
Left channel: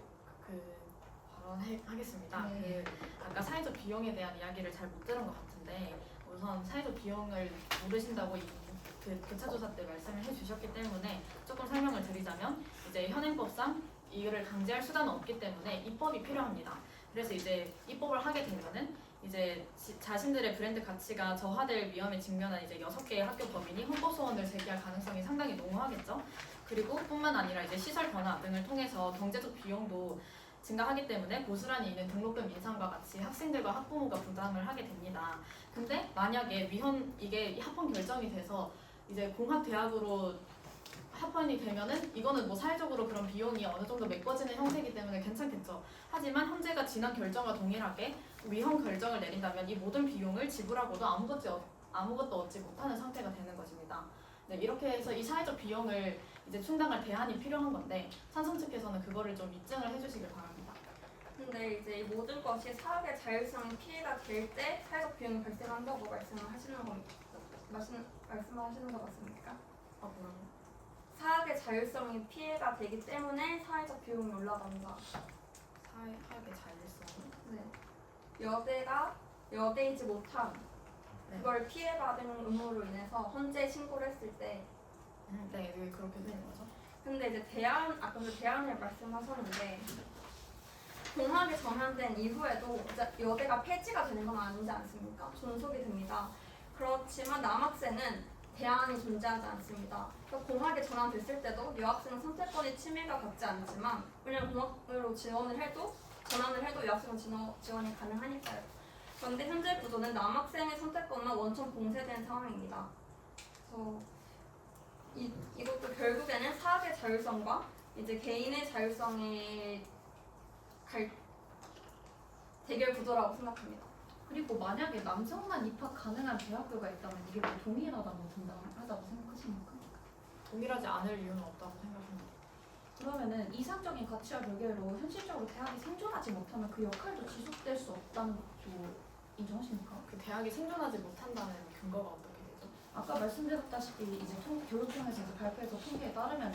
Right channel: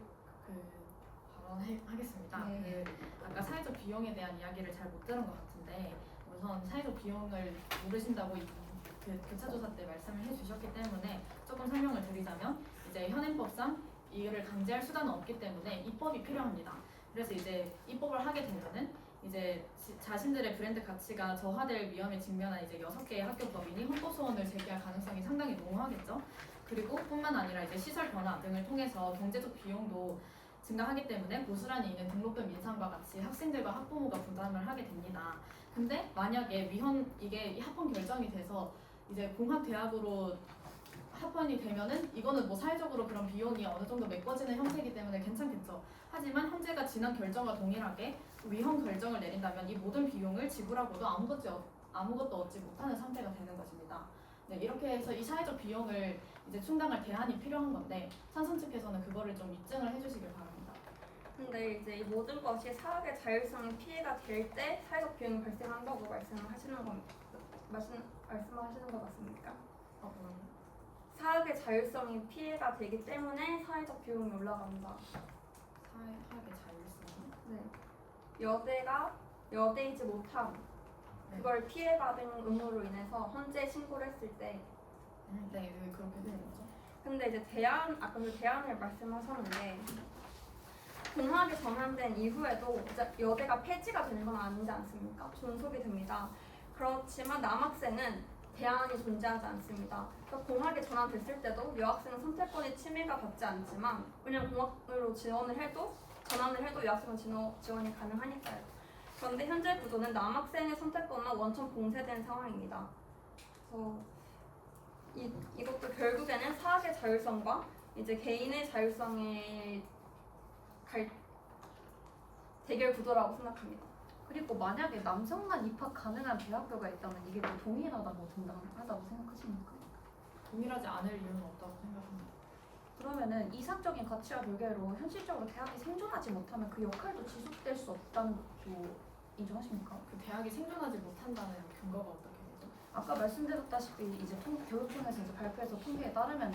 발언하겠습니다. 네. 아까 사회적 비용에 대한 이야기를 잘 못 들은 것 같은데 우선 사회적 비용을 모르신다고 그 교차조사 때 말씀을 해주셨기 때문에 조금 설명을 드리자면 이제 현행법상 이를 강제할 수단은 없기 때문에 입법이 필요합니다. 그래서 이제 입법을 하게 되면은 이제 자신들의 브랜드 가치가 저하될 위험에 직면한 이제 6개의 학교 범인이 헌법 소원을 제기할 가능성이 상당히 농후하겠죠. 그리고 뿐만 아니라 이제 시설 변화 등을 통해서 경제적 비용도 증가하기 때문에 고스란히 이는 등록금 인상과 같이 학생들과 학부모가 부담을 하게 됩니다. 근데 만약에 이게 합헌 결정이 돼서 이제 공학 대학으로 합헌이 되면은 이거는 뭐 사회적으로 그런 비용이 어느 정도 메꿔지는 형태이기 때문에 괜찮겠죠. 하지만 현재가 지난 결정과 동일하게 위헌 결정을 내린다면 이 모든 비용을 지불하고도 아무것도 얻지 못하는 상태가 되는 것입니다. 네, 이렇게 해서 이 사회적 비용을 이제 충당할 대안이 필요한 건데 찬성 측에서는 그거를 좀 입증을 해주시길 바랍니다. 근데 이제 이 모든 것이 사학의 자율성에 피해가 될 때 사회적 비용이 발생한다고 말씀하시는 것 맞습니까? 뭐라고요? 사학의 자율성에 피해가 되기 때문에 사회적 비용이 올라간다. 사회학의 자율성. 네. 여대가 여대이지 못함 네. 그걸 피해받은 의무로 인해서 헌재 신고를 했을 때 네, 왜 그렇게 되는 거죠? 근데 이제 아까 그 대안을 말씀하셨는데 공학이 전환된 이후에도 이제 여대가 폐지가 되는 건 아니지 않습니까? 존속이 됩니다. 그렇지만 남학생은 대안이 존재하지 않습니다. 그러니까 공학이 전환됐을 때도 여학생은 선택권이 침해가 받지 않지만 왜냐면 공학으로 전환을 해도 여학생은 지원이 가능하니까요. 그런데 현재 구조는 남학생의 선택권만 원천 봉쇄된 상황입니다. 그래서 이것도 결국에는 사학의 자율성과 이제 개인의 자율성의 대결 구도라고 생각합니다. 그리고 만약에 남성만 입학 가능한 대학교가 있다면 이게 또 동일하다고 정당하다고 생각하십니까? 동일하지 않을 이유는 없다고 생각합니다. 그러면은 이상적인 가치와 별개로 현실적으로 대학이 생존하지 못하면 그 역할도 지속될 수 없다는 것도 인정하십니까? 그 대학이 생존하지 못한다는 근거가 어떻게 되죠? 아까 말씀드렸다시피 이제 교육청에서 이제 발표해서 통계에 따르면은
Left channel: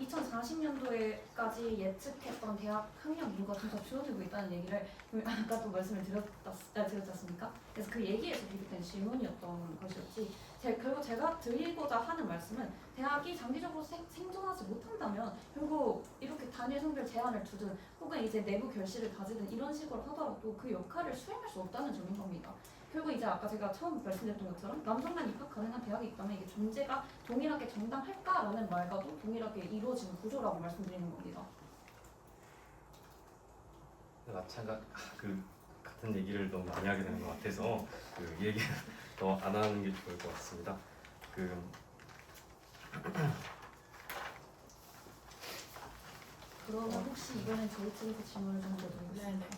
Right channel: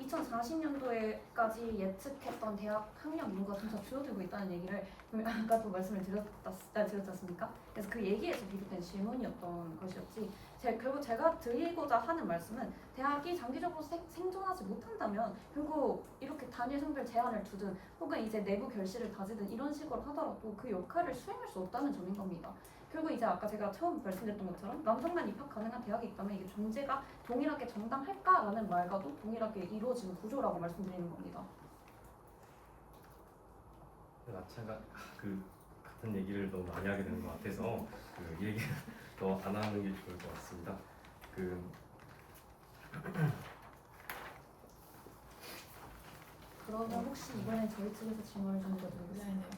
2040년도에까지 예측했던 대학 학력 인구가 점차 줄어들고 있다는 얘기를 아까도 말씀을 드렸지 않습니까? 그래서 그 얘기에서 비롯된 질문이었던 것이었지. 결국 제가 드리고자 하는 말씀은 대학이 장기적으로 생존하지 못한다면 결국 이렇게 단일 성별 제한을 두든 혹은 이제 내부 결실을 가지든 이런 식으로 하더라도 그 역할을 수행할 수 없다는 점인 겁니다. 결국 이제 아까 제가 처음 말씀드렸던 것처럼 남성만 입학 가능한 대학이 있다면 이게 존재가 동일하게 정당할까라는 말과도 동일하게 이루어지는 구조라고 말씀드리는 겁니다. 같은 얘기를 너무 많이 하게 되는 것 같아서 그 얘기는 더 안 하는 게 좋을 것 같습니다. 그러면 혹시 이번엔 저희 측에서 질문을 좀 드려보겠습니다. 네네.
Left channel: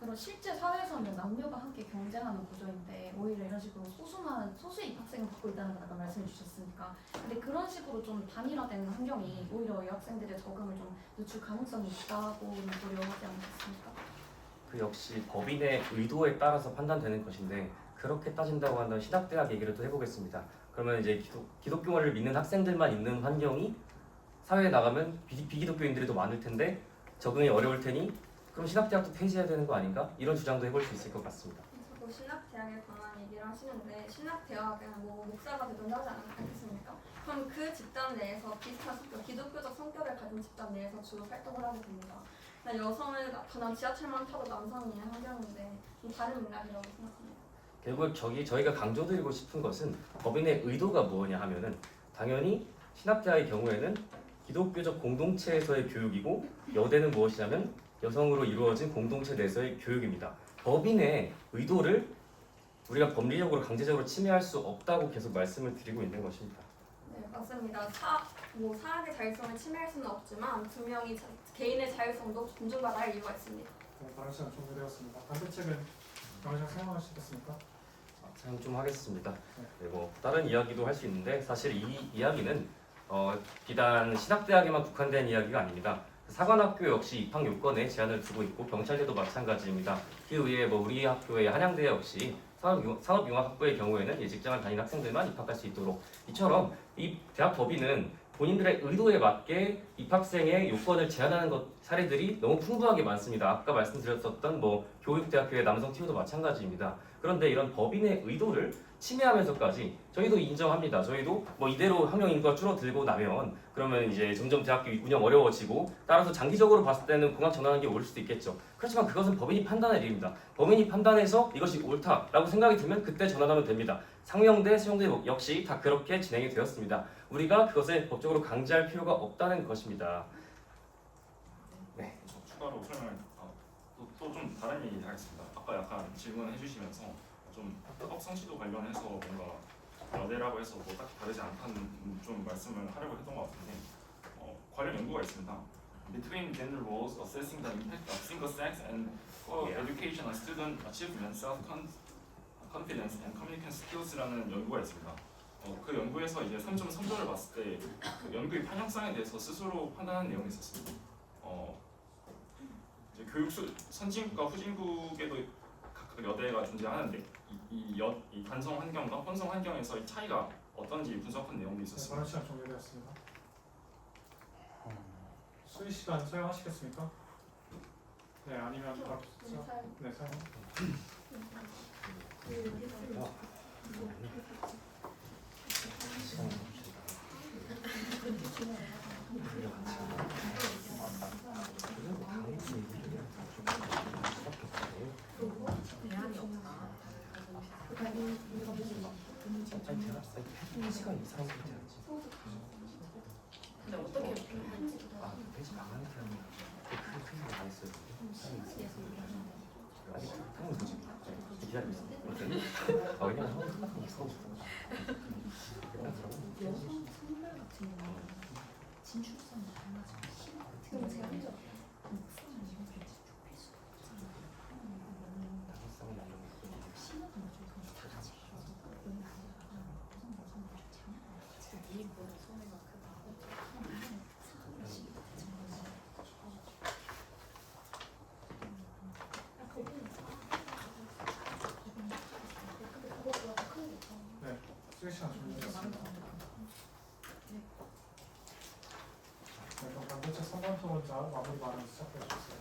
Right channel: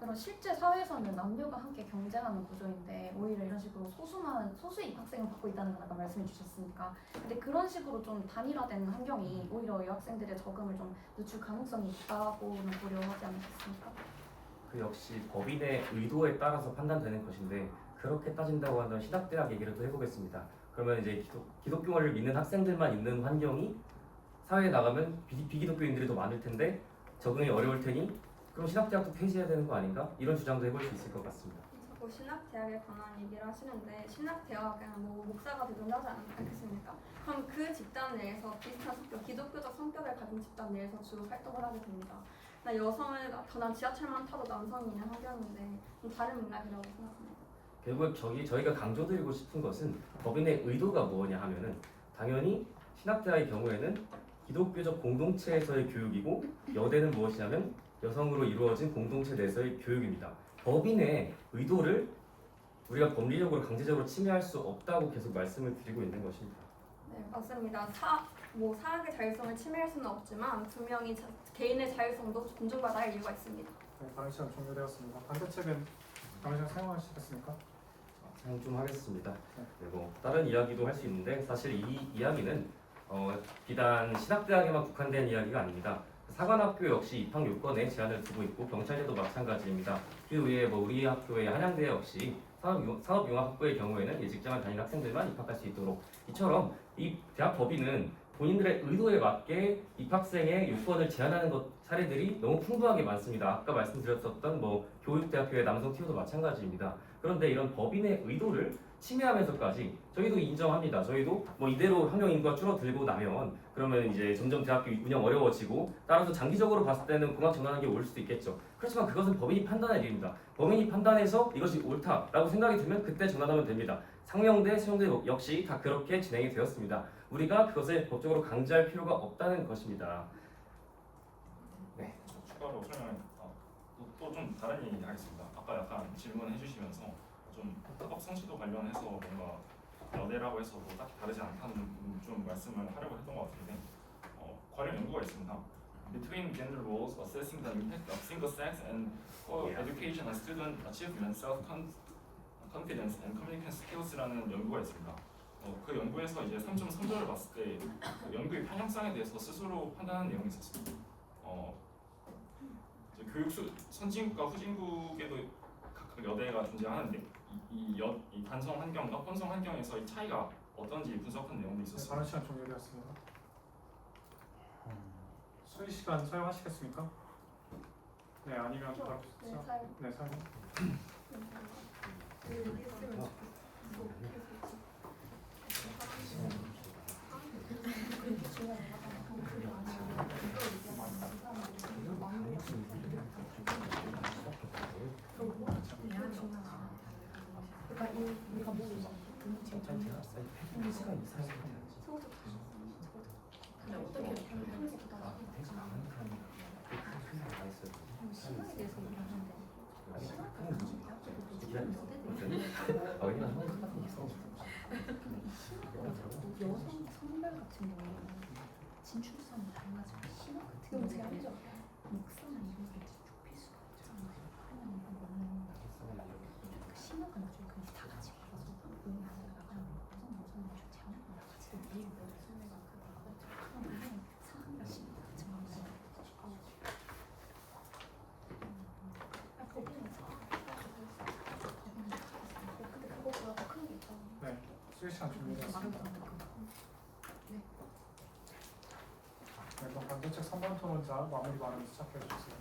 그럼 실제 사회에서는 남녀가 함께 경쟁하는 구조인데 오히려 이런 식으로 소수의 입학생을 받고 있다는 걸 아까 말씀해 주셨으니까 근데 그런 식으로 좀 단일화된 환경이 오히려 여학생들의 적응을 좀 늦출 가능성이 있다고는 고려하지 않겠습니까? 그 역시 법인의 의도에 따라서 판단되는 것인데 그렇게 따진다고 한다면 신학대학 얘기를 또 해보겠습니다. 그러면 이제 기독교를 믿는 학생들만 있는 환경이 사회에 나가면 비기독교인들이 더 많을 텐데 적응이 어려울 테니 그럼 신학대학도 폐지해야 되는 거 아닌가? 이런 주장도 해볼 수 있을 것 같습니다. 자꾸 신학대학에 관한 얘기를 하시는데 신학대학은 뭐 목사가 되든지 하지 않겠습니까? 그럼 그 집단 내에서 비슷한 기독교적 성격을 가진 집단 내에서 주로 활동을 하게 됩니다. 여성을 나타난 지하철만 타도 남성이 있는 환경인데 좀 다른 맥락이라고 생각합니다. 결국 저희가 강조드리고 싶은 것은 법인의 의도가 무엇냐 하면은 당연히 신학대학의 경우에는 기독교적 공동체에서의 교육이고 여대는 무엇이냐면 여성으로 이루어진 공동체 내에서의 교육입니다. 법인의 의도를 우리가 법리적으로 강제적으로 침해할 수 없다고 계속 말씀을 드리고 있는 것입니다. 네, 맞습니다. 사학의 자율성을 침해할 수는 없지만 분명히 개인의 자율성도 존중받아야 할 이유가 있습니다. 네, 발언 시간 종료되었습니다. 반대측은 당장 사용하시겠습니까? 사용 좀 하겠습니다. 그리고 다른 이야기도 할 수 있는데 사실 이 이야기는 비단 신학대학에만 국한된 이야기가 아닙니다. 사관학교 역시 입학 요건에 제한을 두고 있고 경찰대도 마찬가지입니다. 그 외에 우리 학교의 한양대 역시 산업융합학부의 경우에는 직장을 다니는 학생들만 입학할 수 있도록 이처럼 이 대학 법인은 본인들의 의도에 맞게 입학생의 요건을 제한하는 사례들이 너무 풍부하게 많습니다. 아까 말씀드렸었던 교육대학교의 남성 TU도 마찬가지입니다. 그런데 이런 법인의 의도를 침해하면서까지 저희도 인정합니다. 저희도 이대로 학령 인구가 줄어들고 나면 그러면 이제 점점 대학교 운영 어려워지고 따라서 장기적으로 봤을 때는 공학 전환하는 게 올 수도 있겠죠. 그렇지만 그것은 법인이 판단할 일입니다. 법인이 판단해서 이것이 옳다라고 생각이 들면 그때 전환하면 됩니다. 상명대, 세종대 역시 다 그렇게 진행이 되었습니다. 우리가 그것을 법적으로 강제할 필요가 없다는 것입니다. 네, 추가로 설명을 또 좀 다른 얘기 하겠습니다. 아까 약간 질문해 주시면서 좀 학업 성취도 관련해서 뭔가 여대라고 해서 딱히 다르지 않다는 좀 말씀을 하려고 했던 것 같은데 관련 연구가 있습니다. Between gender roles assessing the impact of single sex and co-education on student achievement, self-confidence and communication skills라는 연구가 있습니다. 그 연구에서 이제 3.3절을 봤을 때 그 연구의 편향성에 대해서 스스로 판단하는 내용이 있었습니다. 이제 교육 선진국과 후진국에도 각각 여대가 존재하는데 이 관성 환경과 혼성 환경에서 이 차이가 어떤지 분석한 내용도 네, 있었습니다. 발언 시간 종료되었습니다. 수의 시간 사용하시겠습니까? 네, 아니면 바로 네, 사용. 진출성이 다양하지만 신학 같은 경우는 제한적 목성은 이것을 좁힐 수가 없잖아요. 신학은 좀 그냥 다 같이 가서 보이는 거다가 무슨 좀 제한하는 같이 이 소리가 그 바깥쪽 하면 상황을 신학 같은 경우는 거기는 근데 그거보다 더 큰 게 있다. 네, 수의 시간 종료되었습니다. 네, 그럼 반대측 3번 토론자 마무리 발언 시작해 주세요.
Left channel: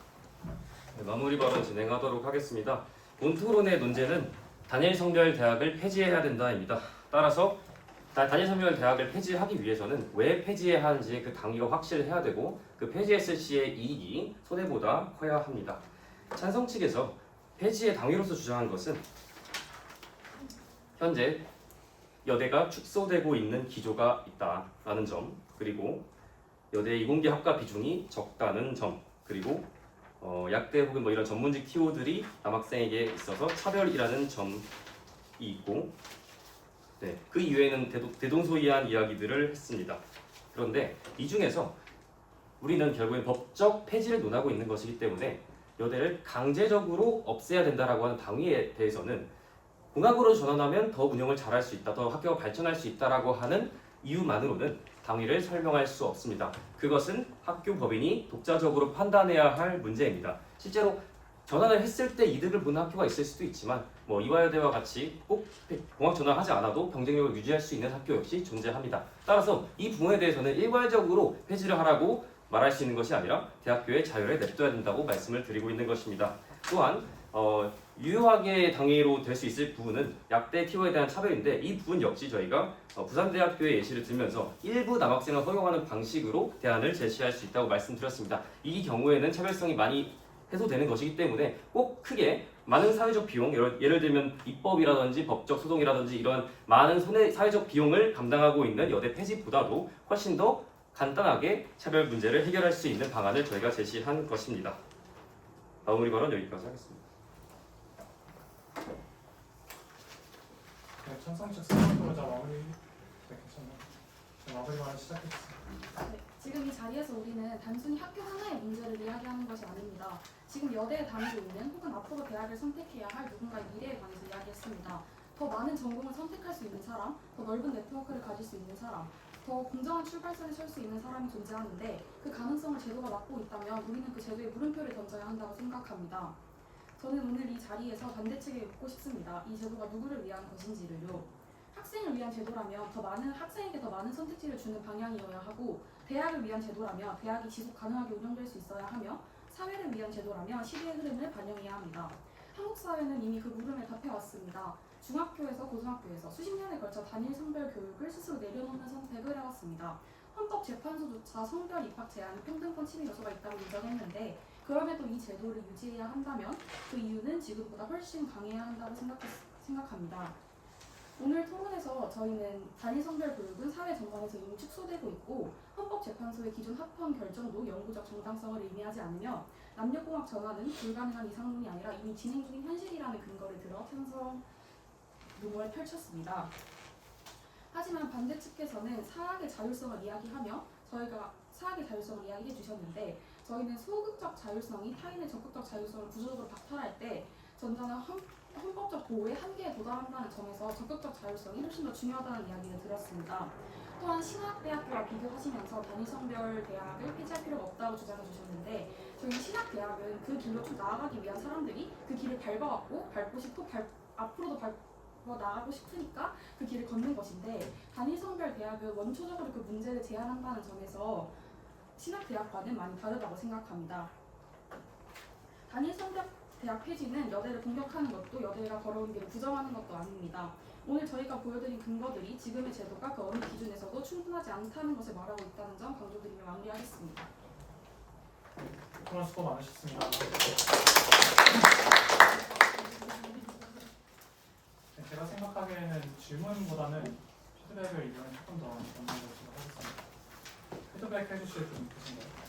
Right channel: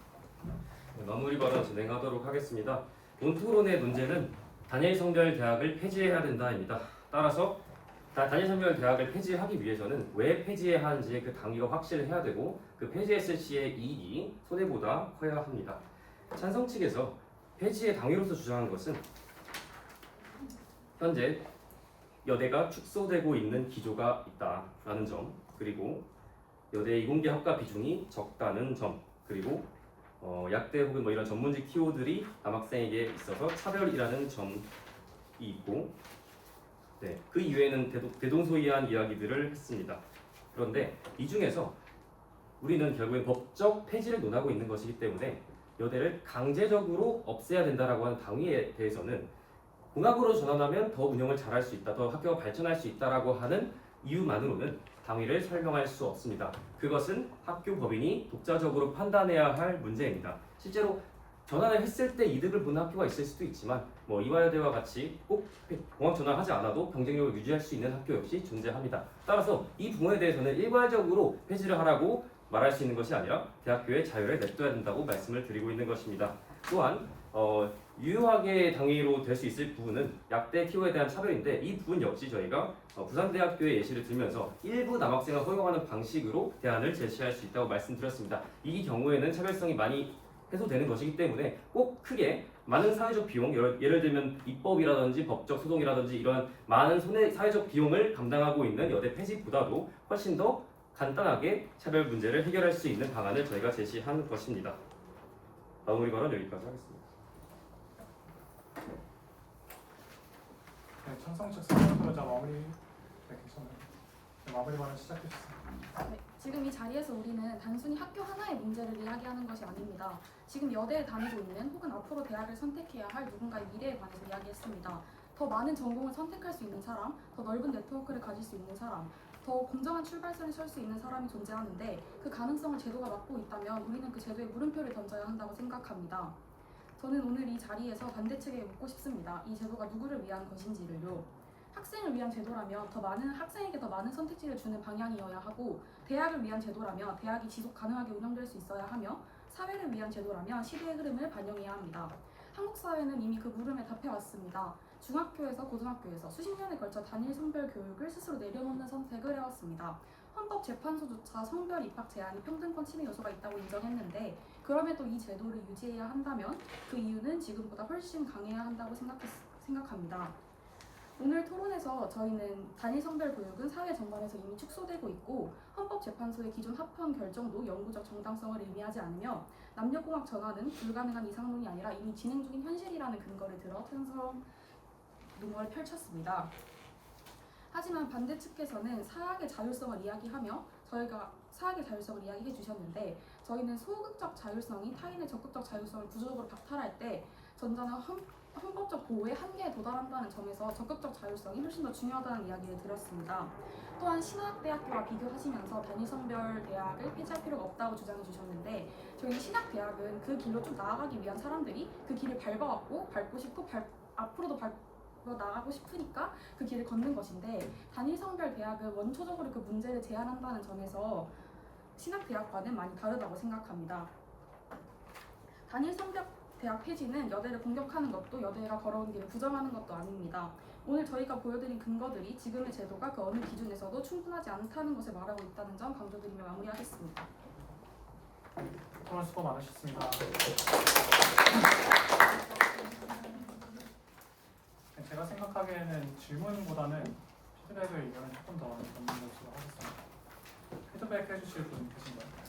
네, 마무리 발언 진행하도록 하겠습니다. 본 토론의 논제는 단일 성별 대학을 폐지해야 된다입니다. 따라서 단일 성별 대학을 폐지하기 위해서는 왜 폐지해야 하는지 그 당위가 확실해야 되고 그 폐지했을 시의 이익이 손해보다 커야 합니다. 찬성 측에서 폐지의 당위로서 주장한 것은 현재 여대가 축소되고 있는 기조가 있다라는 점, 그리고 여대 이공계 학과 비중이 적다는 점, 그리고 약대 혹은 이런 전문직 TO들이 남학생에게 있어서 차별이라는 점이 있고, 네, 그 이외에는 대동소이한 이야기들을 했습니다. 그런데 이 중에서 우리는 결국엔 법적 폐지를 논하고 있는 것이기 때문에 여대를 강제적으로 없애야 된다라고 하는 당위에 대해서는 공학으로 전환하면 더 운영을 잘할 수 있다, 더 학교가 발전할 수 있다라고 하는 이유만으로는 당위를 설명할 수 없습니다. 그것은 학교 법인이 독자적으로 판단해야 할 문제입니다. 실제로 전환을 했을 때 이득을 보는 학교가 있을 수도 있지만 이화여대와 같이 꼭 공학 전환하지 않아도 경쟁력을 유지할 수 있는 학교 역시 존재합니다. 따라서 이 부분에 대해서는 일괄적으로 폐지를 하라고 말할 수 있는 것이 아니라 대학교의 자율에 냅둬야 된다고 말씀을 드리고 있는 것입니다. 또한 유효하게 당위로 될 수 있을 부분은 약대 TO에 대한 차별인데 이 부분 역시 저희가 부산대학교의 예시를 들면서 일부 남학생을 허용하는 방식으로 대안을 제시할 수 있다고 말씀드렸습니다. 이 경우에는 차별성이 많이 해소되는 것이기 때문에 꼭 크게 많은 사회적 비용, 예를 들면 입법이라든지 법적 소송이라든지 이런 많은 사회적 비용을 감당하고 있는 여대 폐지보다도 훨씬 더 간단하게 차별 문제를 해결할 수 있는 방안을 저희가 제시한 것입니다. 마무리 발언 여기까지 하겠습니다. 네, 청성식 설명으로자 마무리. 네, 괜찮아요. 네, 마무리 발언 시작했습니다. 네, 지금 이 자리에서 우리는 단순히 학교 하나의 문제를 이야기하는 것이 아닙니다. 지금 여대에 다니고 있는 혹은 앞으로 대학을 선택해야 할 누군가의 미래에 관해서 이야기했습니다. 더 많은 전공을 선택할 수 있는 사람, 더 넓은 네트워크를 가질 수 있는 사람, 더 공정한 출발선에 설 수 있는 사람이 존재하는데 그 가능성을 제도가 막고 있다면 우리는 그 제도에 물음표를 던져야 한다고 생각합니다. 저는 오늘 이 자리에서 반대측에 묻고 싶습니다. 이 제도가 누구를 위한 것인지를요. 학생을 위한 제도라면 학생에게 더 많은 선택지를 주는 방향이어야 하고, 대학을 위한 제도라면 대학이 지속 가능하게 운영될 수 있어야 하며, 사회를 위한 제도라면 시대의 흐름을 반영해야 합니다. 한국 사회는 이미 그 물음에 답해왔습니다. 중학교에서 고등학교에서 수십 년에 걸쳐 단일 성별 교육을 스스로 내려놓는 선택을 해왔습니다. 헌법재판소조차 성별 입학 제한이 평등권 침해 요소가 있다고 인정했는데, 그럼에도 이 제도를 유지해야 한다면 그 이유는 지금보다 훨씬 강해야 한다고 생각합니다. 오늘 토론에서 저희는 단일 성별 교육은 사회 전반에서 이미 축소되고 있고, 헌법재판소의 기존 합헌 결정도 영구적 정당성을 의미하지 않으며, 남녀공학 전환은 불가능한 이상론이 아니라 이미 진행 중인 현실이라는 근거를 들어 찬성 논문을 펼쳤습니다. 하지만 반대측에서는 사학의 자율성을 이야기하며 저희가 사학의 자율성을 이야기해 주셨는데, 저희는 소극적 자율성이 타인의 적극적 자율성을 구조적으로 박탈할 때 전자는 헌법적 보호의 한계에 도달한다는 점에서 적극적 자율성이 훨씬 더 중요하다는 이야기를 들었습니다. 또한 신학대학교와 비교하시면서 단일성별 대학을 폐지할 필요가 없다고 주장해 주셨는데, 저희 신학대학은 그 길로 쭉 나아가기 위한 사람들이 그 길을 밟고 싶고 앞으로도 밟고 나가고 싶으니까 그 길을 걷는 것인데, 단일성별 대학은 원초적으로 그 문제를 제한한다는 점에서 신학대학과는 많이 다르다고 생각합니다. 단일성별 대학 폐지는 여대를 공격하는 것도 여대가 걸어온 길을 부정하는 것도 아닙니다. 오늘 저희가 보여드린 근거들이 지금의 제도가 그 어느 기준에서도 충분하지 않다는 것을 말하고 있다는 점 강조드리며 마무리하겠습니다. 토론 수고 많으셨습니다. 네, 제가 생각하기에는 질문보다는 피드백을 이번에 조금 더 많이 받는 것으로 하겠습니다. 피드백 해주실 분 계신가요?